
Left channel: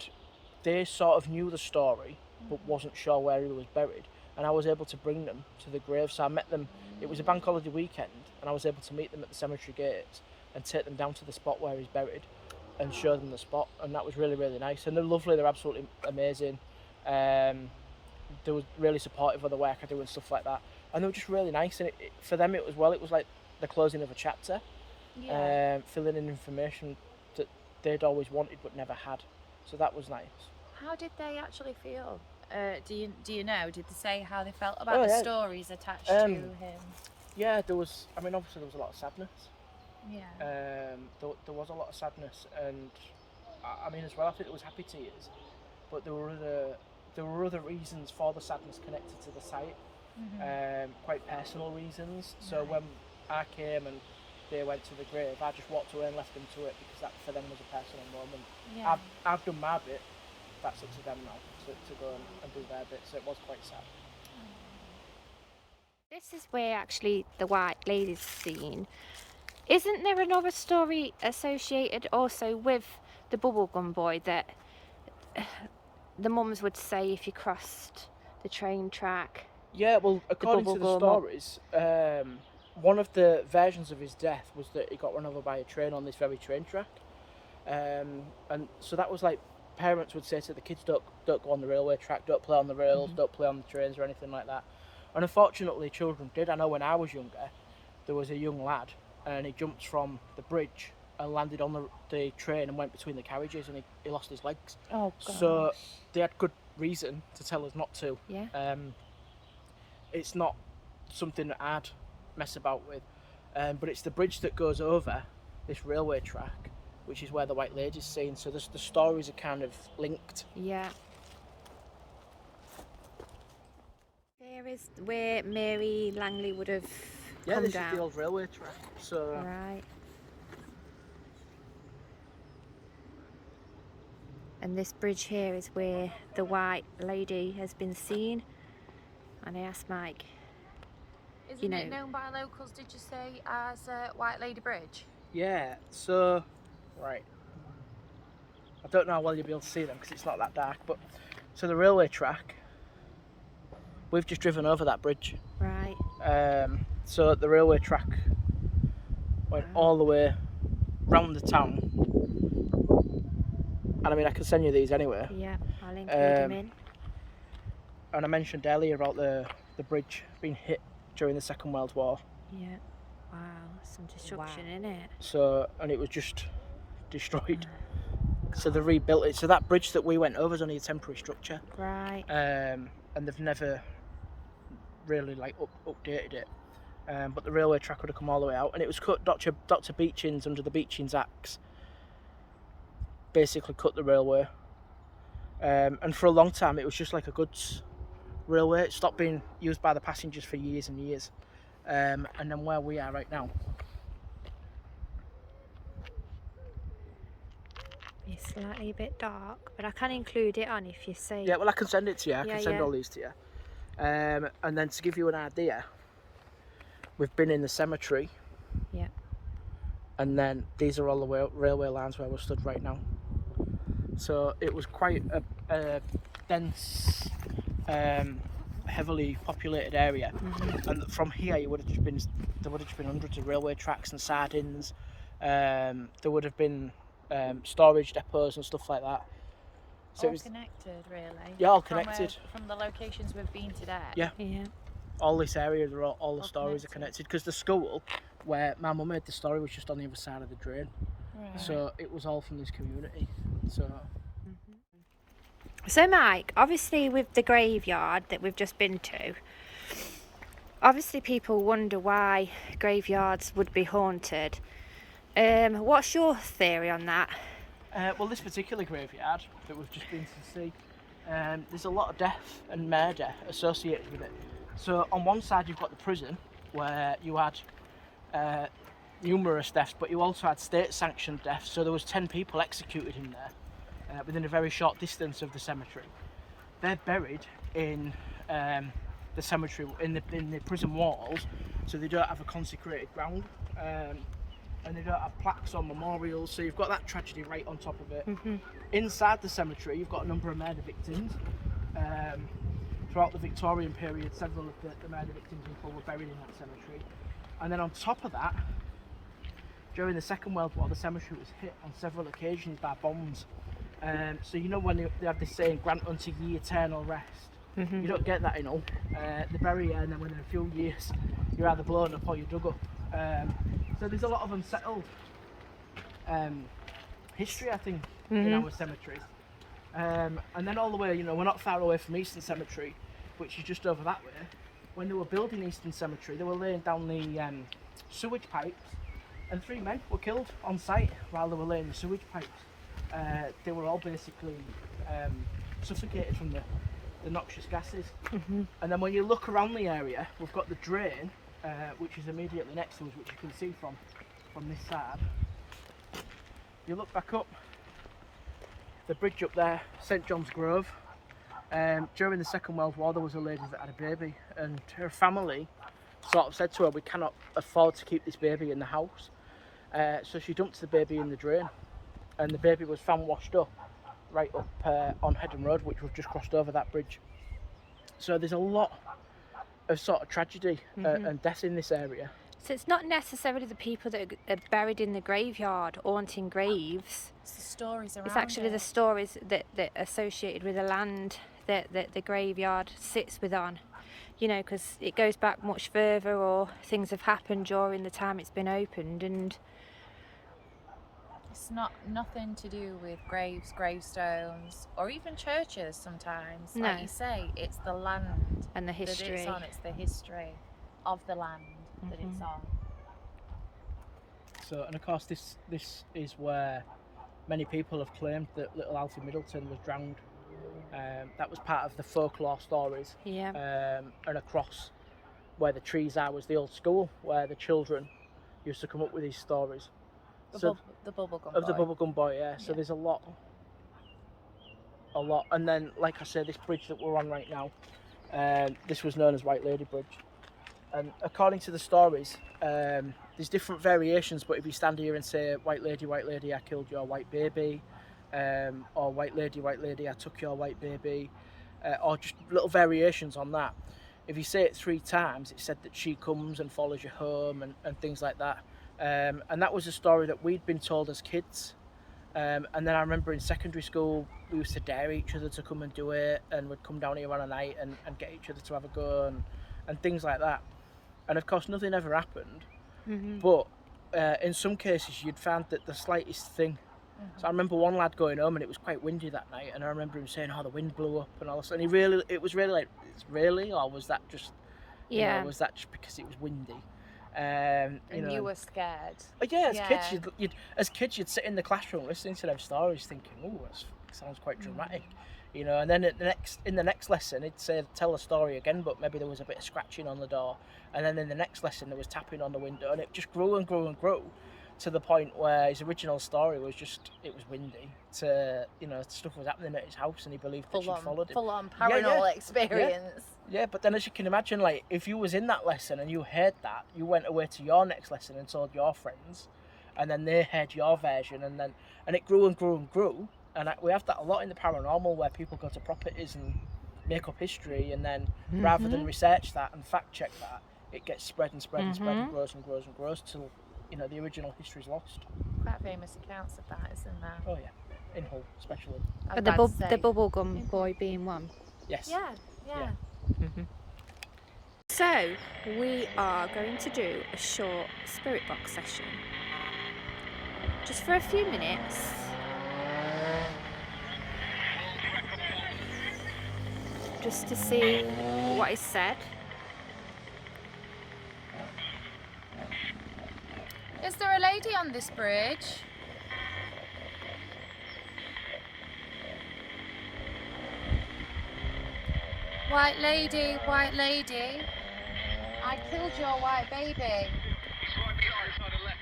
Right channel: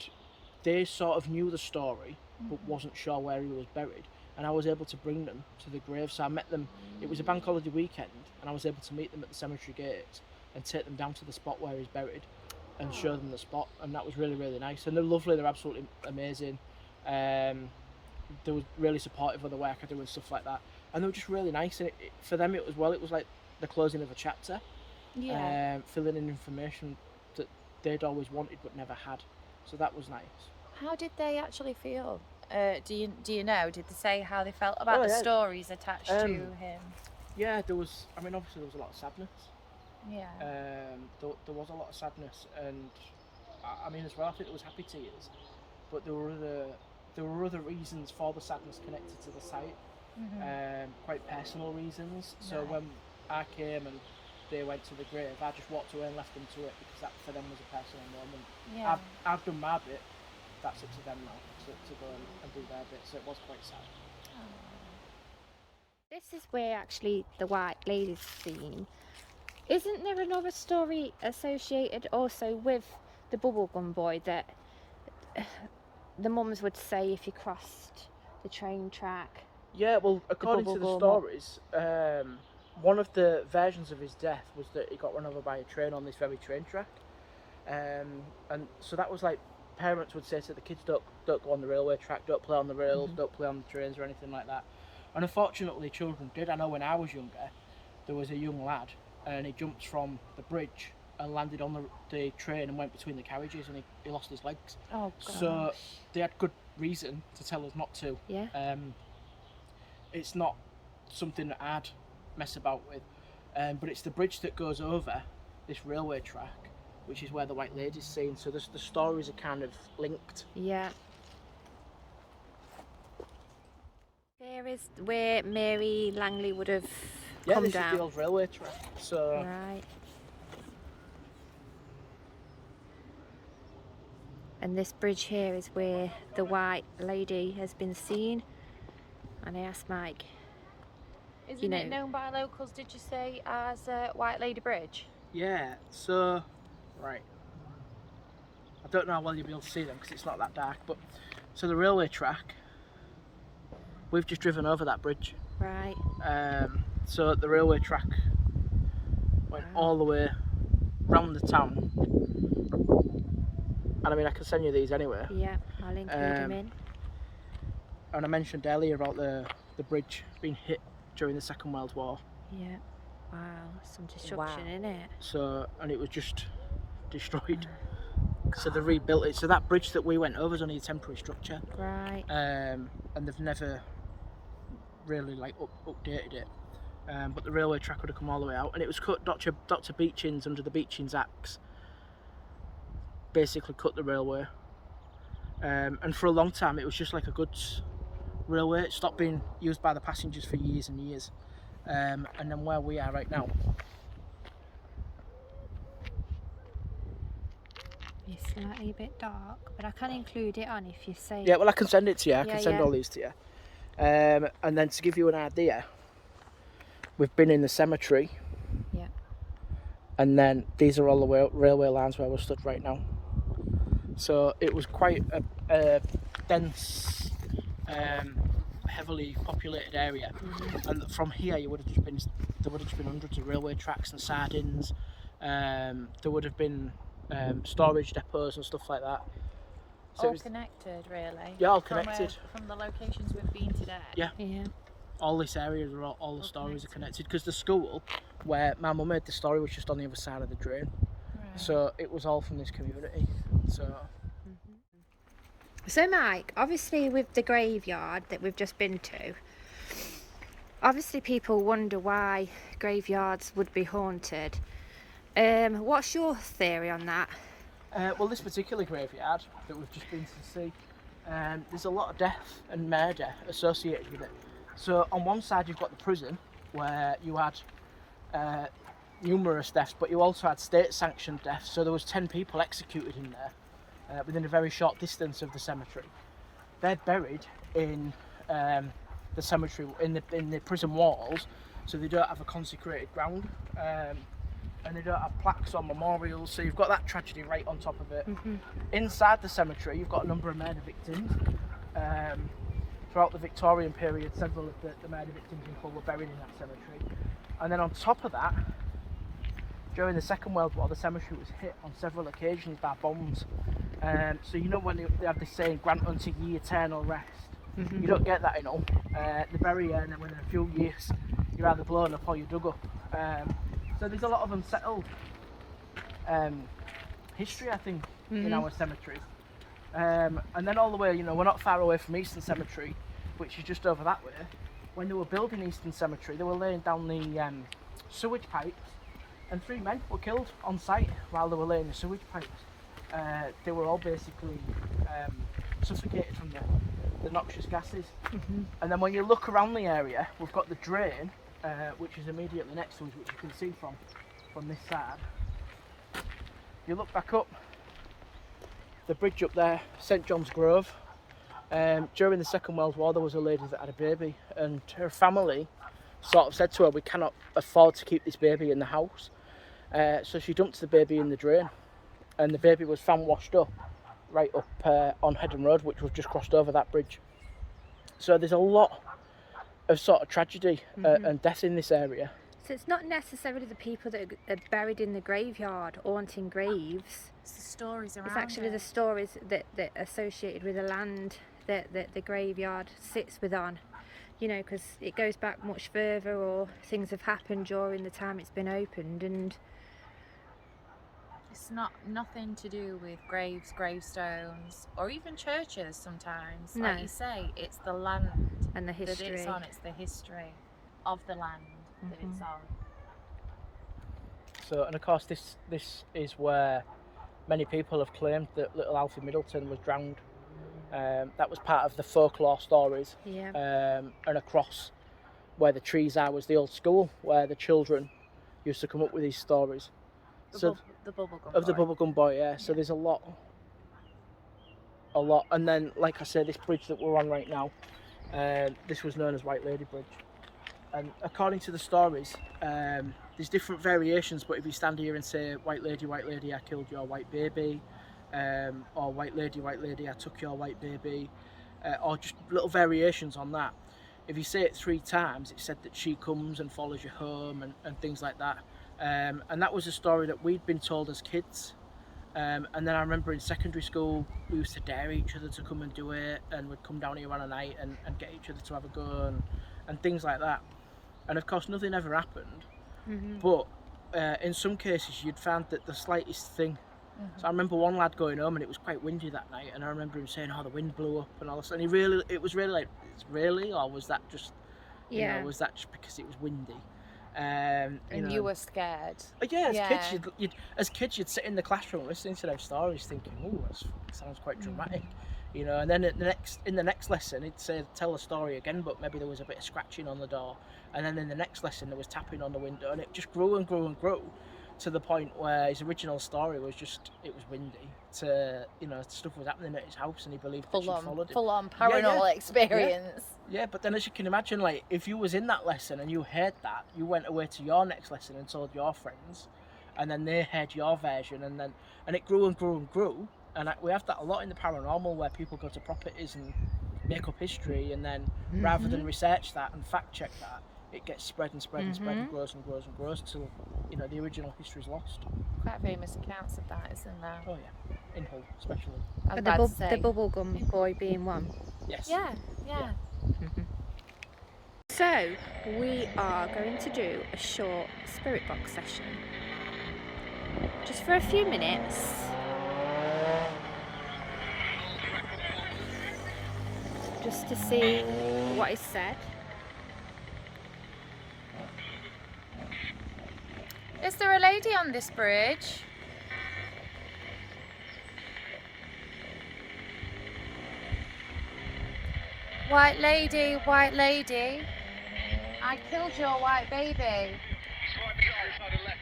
they sort of knew the story, but wasn't sure where he was buried. And I was able to bring them to the grave. So I met them. It was a bank holiday weekend, and I was able to meet them at the cemetery gates and take them down to the spot where he's buried, and show them the spot. And that was really, really nice. And they're lovely. They're absolutely amazing. They were really supportive of the work I do and stuff like that. And they were just really nice. And for them, it was like the closing of a chapter, filling in information that they'd always wanted but never had. So that was nice. How did they actually feel? Do you know? Did they say how they felt about the stories attached to him? Yeah, there was. I mean, obviously there was a lot of sadness. Yeah. There was a lot of sadness, and I mean as well. I think there was happy tears, but there were other reasons for the sadness connected to the site. Quite personal reasons. So when I came and they went to the grave, I just walked away and left them to it, because that for them was a personal moment. Yeah. I've done my bit. That's up to them now to go and do their bit. So it was quite sad. This is where actually the White Lady's seen. Isn't there another story associated also with the Bubblegum Boy that the mums would say if you crossed the train track? Yeah, well, according to the stories, one of the versions of his death was that he got run over by a train on this very train track. And so that was like, parents would say to the kids, don't go on the railway track, don't play on the rails, don't play on the trains or anything like that. And unfortunately, children did. I know when I was younger, there was a young lad, and he jumped from the bridge and landed on the train and went between the carriages, and he lost his legs. Oh, gosh. So they had good reason to tell us not to. Yeah. It's not something that I'd mess about with, but it's the bridge that goes over this railway track, which is where the White Lady's seen. So the stories are kind of linked. Yeah. There is where Mary Langley would have come this down. is the old railway track. So Right. And this bridge here is where the White Lady has been seen. And I asked Mike, Isn't it known by locals, did you say, as White Lady Bridge? yeah, so right. I don't know how well you'll be able to see them because it's not that dark, but so the railway track, we've just driven over that bridge. right, So the railway track went Wow. all the way round the town. And I mean, I can send you these anyway. yeah, I'll include him in. And I mentioned earlier about the bridge being hit during the Second World War. Yeah, wow, some destruction in it. So, and it was just destroyed. So they rebuilt it. So that bridge that we went over is only a temporary structure. Right, And they've never really like updated it. But the railway track would have come all the way out, and it was cut. Dr. Beechin's, under the Beechin's Acts, basically cut the railway. And for a long time, it was just like a goods railway. It stopped being used by the passengers for years and years. And then where we are right now, it's slightly a bit dark, but I can include it on if you say. yeah. Well, I can send it to you. I Yeah, can send yeah. all these to you. And then to give you an idea, we've been in the cemetery. Yeah. And then these are all the railway lines where we're stood right now. So it was quite a dense heavily populated area, and from here there would have just been hundreds of railway tracks and sardines. There would have been storage depots and stuff like that. So all connected, really. Yeah, all connected. From the locations we've been today. Yeah. Yeah. All this area, all the stories are connected, because the school where my mum made the story was just on the other side of the drain. Right. So it was all from this community. So Mike, obviously with the graveyard that we've just been to, obviously people wonder why graveyards would be haunted. What's your theory on that? Well, this particular graveyard that we've just been to see, there's a lot of death and murder associated with it. So on one side you've got the prison, where you had numerous deaths, but you also had state-sanctioned deaths. So there was 10 people executed in there within a very short distance of the cemetery. They're buried in the cemetery, in the prison walls, so they don't have a consecrated ground, and they don't have plaques or memorials. So you've got that tragedy right on top of it. Inside the cemetery, you've got a number of murder victims. Throughout the Victorian period, several of the murder victims in Hull were buried in that cemetery. And then on top of that, during the Second World War, the cemetery was hit on several occasions by bombs. So you know when they have this saying, grant unto ye eternal rest. You don't get that in Hull. They bury you, and then within a few years, you're either blown up or you're dug up. So there's a lot of unsettled history, I think, in our cemeteries. And then all the way, we're not far away from Eastern Cemetery, which is just over that way. When they were building Eastern Cemetery, they were laying down the sewage pipes, and 3 men were killed on site while they were laying the sewage pipes. They were all basically suffocated from the noxious gases. And then when you look around the area, we've got the drain, which is immediately next to us, which you can see from this side. You look back up, the bridge up there, St John's Grove. During the Second World War, there was a lady that had a baby, and her family sort of said to her, we cannot afford to keep this baby in the house. So she dumped the baby in the drain, and the baby was found washed up right up on Headham Road, which was just crossed over that bridge. So there's a lot of sort of tragedy and death in this area. So it's not necessarily the people that are buried in the graveyard haunting graves. It's the stories around It's actually it. the stories that are associated with the land that the graveyard sits within. Because it goes back much further, or things have happened during the time it's been opened, and It's nothing to do with graves, gravestones, or even churches sometimes. No. Like you say, it's the land and the that history. it's on. It's the history of the land that it's on. So, and of course this is where many people have claimed that little Alfie Middleton was drowned. That was part of the folklore stories. Yeah. And across where the trees are was the old school where the children used to come up with these stories. The Bubblegum Of Boy. the Bubblegum Boy, yeah. So there's a lot. And then, like I said, this bridge that we're on right now, this was known as White Lady Bridge. And according to the stories, there's different variations, but if you stand here and say, White Lady, I killed your white baby, or White Lady, I took your white baby, or just little variations on that. If you say it 3 times, it's said that she comes and follows you home and things like that. And that was a story that we'd been told as kids. And then I remember in secondary school, we used to dare each other to come and do it, and we'd come down here on a night and get each other to have a go and things like that. And of course, nothing ever happened. But in some cases, you'd found that the slightest thing. So I remember one lad going home, and it was quite windy that night, and I remember him saying, "Oh, the wind blew up," and all this. And it was really like, "It's really," or was that just, was that just because it was windy? You were scared. Yeah, as kids, you'd sit in the classroom listening to them stories, thinking, "Oh, that sounds quite dramatic," And then in the next lesson, it'd say, "Tell the story again," but maybe there was a bit of scratching on the door, and then in the next lesson there was tapping on the window, and it just grew and grew and grew to the point where his original story was just it was windy. Stuff was happening at his house, and he believed that she followed him. Full on paranormal experience. Yeah, but then as you can imagine, like if you was in that lesson and you heard that, you went away to your next lesson and told your friends, and then they heard your version, and it grew and grew and grew. And we have that a lot in the paranormal, where people go to properties and make up history, and then rather than research that and fact check that, it gets spread and spread and spread and grows and grows and grows till, you know, the original history's lost. Quite famous accounts of that, isn't there? Oh yeah, in Hull especially. The Bubblegum Boy being one. Yes. Yeah. So we are going to do a short spirit box session, just for a few minutes. Just to see what is said. Is there a lady on this bridge? White lady, I killed your white baby. He's right beside the left.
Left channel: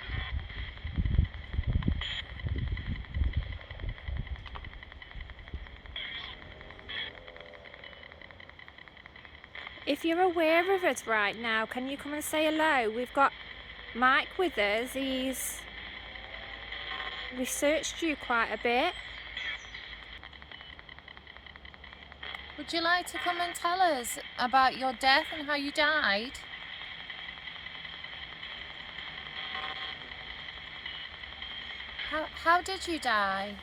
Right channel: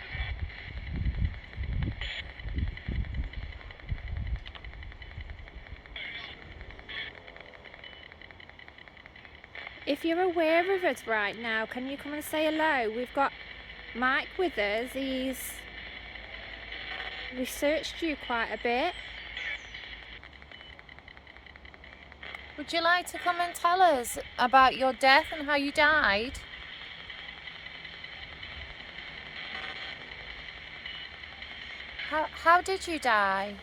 If you're aware of us right now, can you come and say hello? We've got Mike with us. He's researched you quite a bit. Would you like to come and tell us about your death and how you died? How did you die?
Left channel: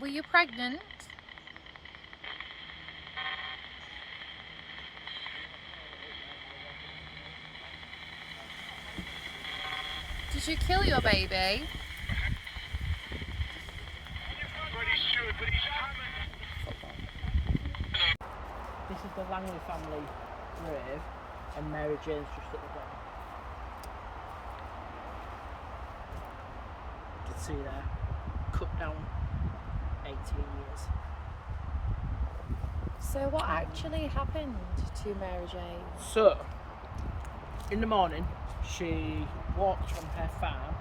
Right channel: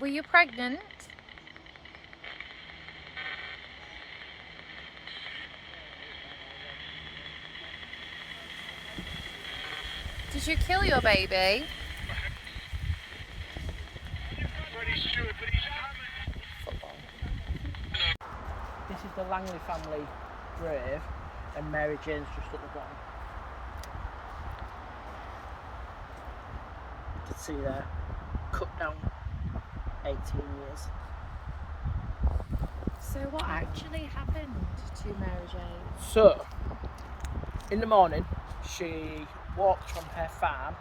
Were you pregnant? Did you kill your baby? This is the Langley family grave, and Mary Jane's just at the bottom. You can see there, cut down 18 years. So what actually happened to Mary Jane? So, in the morning, she walked from her farm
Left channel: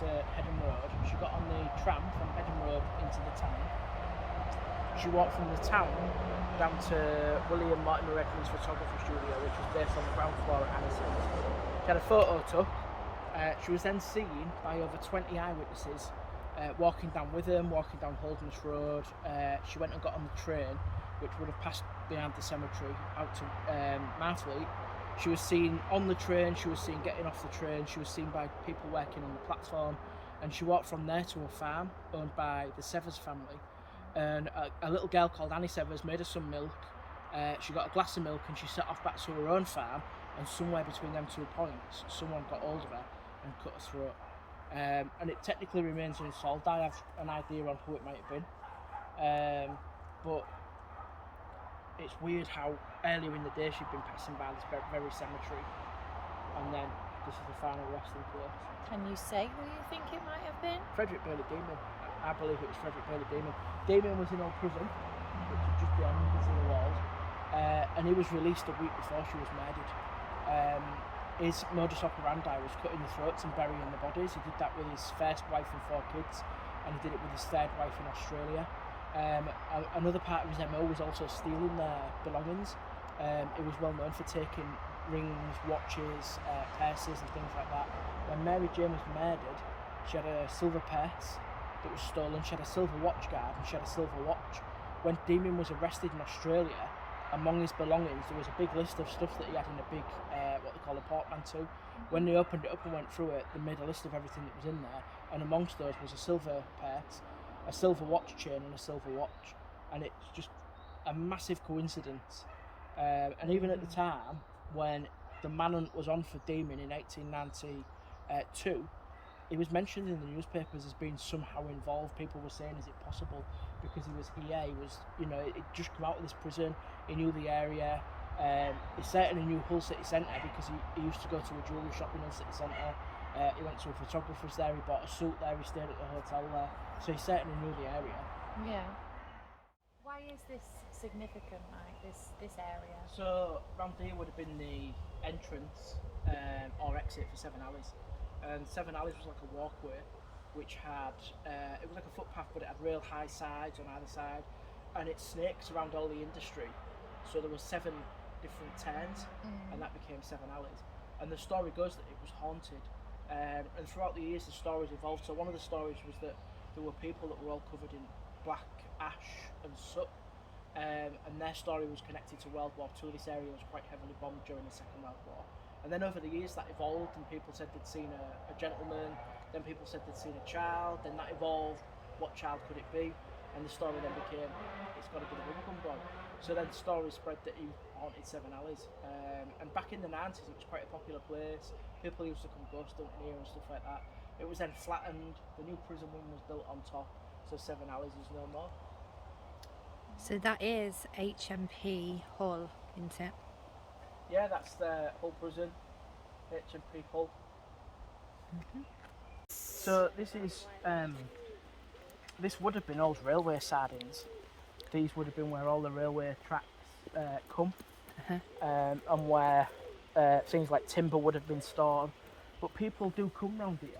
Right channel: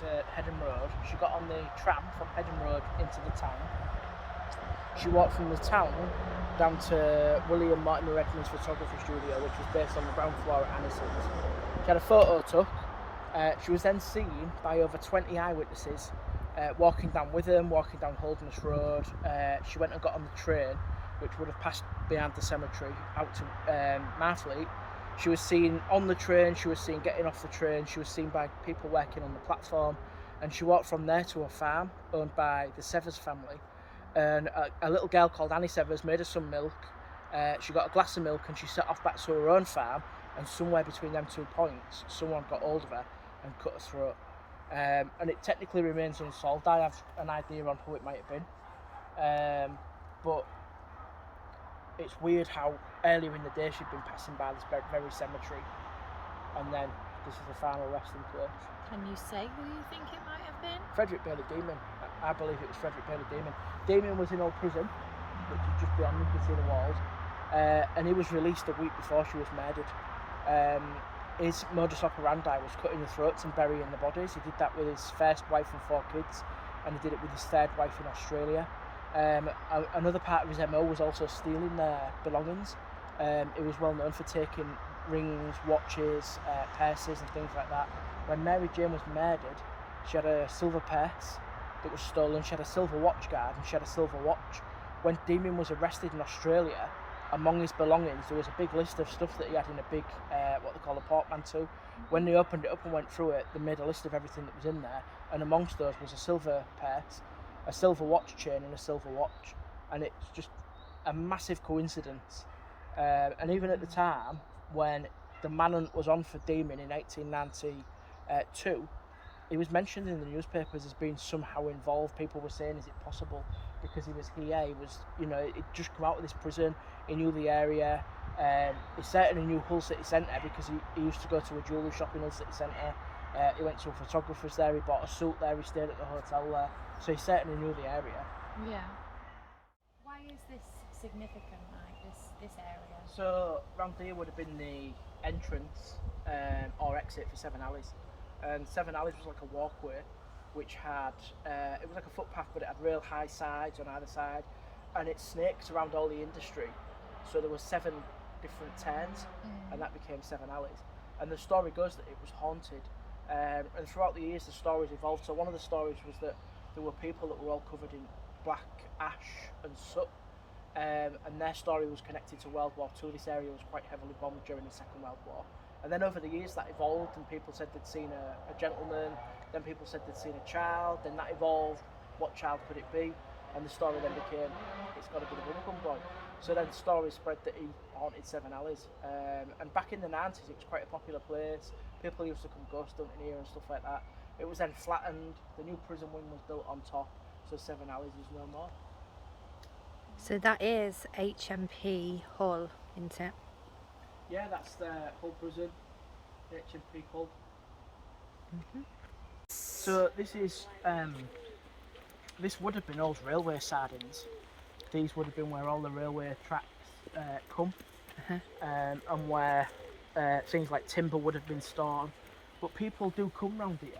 to Headham Road. She got on the tram from Headham Road into the town. She walked from the town down to William Martin Redmond's photography studio, which was based on the ground floor at Anison's. She had a photo took. She was then seen by over 20 eyewitnesses walking down with them, walking down Holderness Road. She went and got on the train, which would have passed behind the cemetery out to Marfleet. She was seen on the train, she was seen getting off the train, she was seen by people working on the platform, and she walked from there to a farm owned by the Severs family. And a little girl called Annie Severs made her some milk. She got a glass of milk and she set off back to her own farm, and somewhere between them 2 points, someone got hold of her and cut her throat. And it technically remains unsolved. I have an idea on who it might have been. But it's weird how earlier in the day she'd been passing by this very cemetery, and then this is the final resting place. Can you say who you think it might have been? Frederick Bailey Demon. I believe it was Frederick Bailey Demon. Damien was in old prison, which is just beyond, you can see the walls, and he was released a week before she was murdered. His modus operandi was cutting the throats and burying the bodies. He did that with his first wife and 4 kids, and he did it with his third wife in Australia. Another part of his MO was also stealing their belongings. He was well known for taking rings, watches, purses and things like that. When Mary Jane was murdered, she had a silver purse that was stolen, she had a silver watch guard, and she had a silver watch. When Damien was arrested in Australia, among his belongings there was a big list of stuff that he had in a big, what they call a portmanteau. When they opened it up and went through it, they made a list of everything that was in there, and amongst those was a silver purse, a silver watch chain and a silver watch. And it's just a massive coincidence. And even at the time when the manhunt was on for Damien in 1892, he was mentioned in the newspapers as being somehow involved. People were saying, is it possible? Because he was here, he was, you know, he'd just come out of this prison, he knew the area. He certainly knew Hull City Centre because he used to go to a jewellery shop in Hull City Centre. He went to a photographer's there, he bought a suit there, he stayed at the hotel there. So he certainly knew the area. Yeah. Why is this significant, like this area? So round here would have been the entrance or exit for Seven Alleys. And Seven Alleys was like a walkway which had, it was like a footpath, but it had real high sides on either side, and it snaked around all the industry. So there were 7 different turns, and that became Seven Alleys. And the story goes that it was haunted And throughout the years the stories evolved. So one of the stories was that there were people that were all covered in black ash and soot, and their story was connected to World War II. This area was quite heavily bombed during the Second World War. And then over the years that evolved, and people said they'd seen a gentleman, then people said they'd seen a child, then that evolved, what child could it be? And the story then became, it's got to be the Bubblegum Boy. So then stories spread that he haunted Seven Alleys. And back in the 90s it was quite a popular place. People used to come ghost hunting here and stuff like that. It was then flattened, the new prison wing was built on top, so Seven Alleys is no more. So that is HMP Hull, isn't it? Yeah, that's the Hull prison, HMP Hull. So this is, this would have been old railway sidings. These would have been where all the railway tracks come, and where things like timber would have been stored. But people do come round here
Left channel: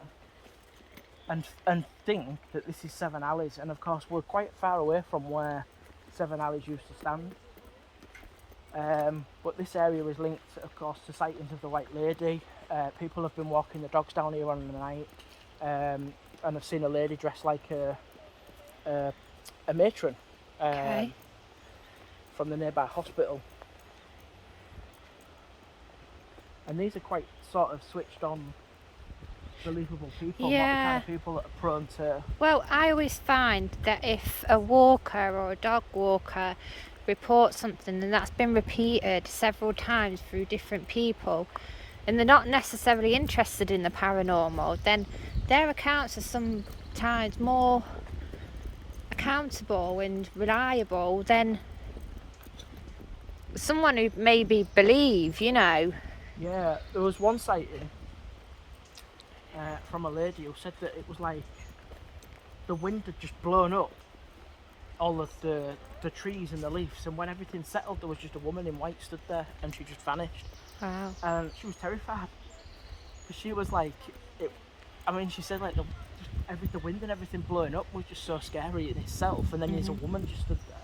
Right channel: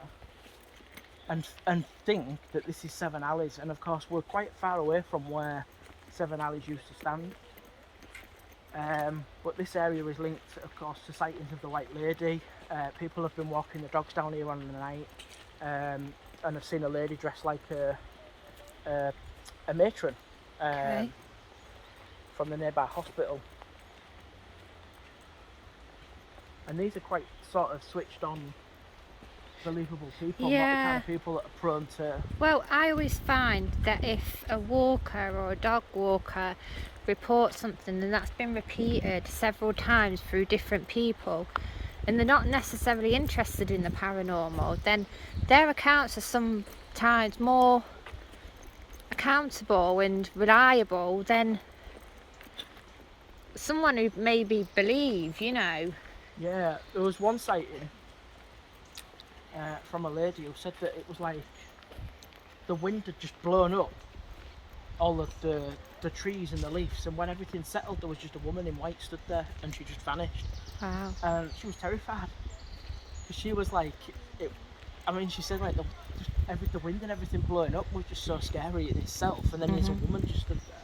and think that this is Seven Alleys, and of course we're quite far away from where Seven Alleys used to stand. But this area is linked, of course, to sightings of the White Lady. People have been walking the dogs down here on the night, and have seen a lady dressed like a matron from the nearby hospital. And these are quite sort of switched on, believable people, not the kind of people that are prone to... Well, I always find that if a walker or a dog walker reports something and that's been repeated several times through different people, and they're not necessarily interested in the paranormal, then their accounts are sometimes more accountable and reliable than someone who maybe believe, you know. Yeah, there was one sighting from a lady who said that it was like the wind had just blown up all of the trees and the leaves, and when everything settled there was just a woman in white stood there and she just vanished. Wow. And she was terrified because she was like, she said like the wind and everything blowing up was just so scary in itself, and then there's a woman just stood there.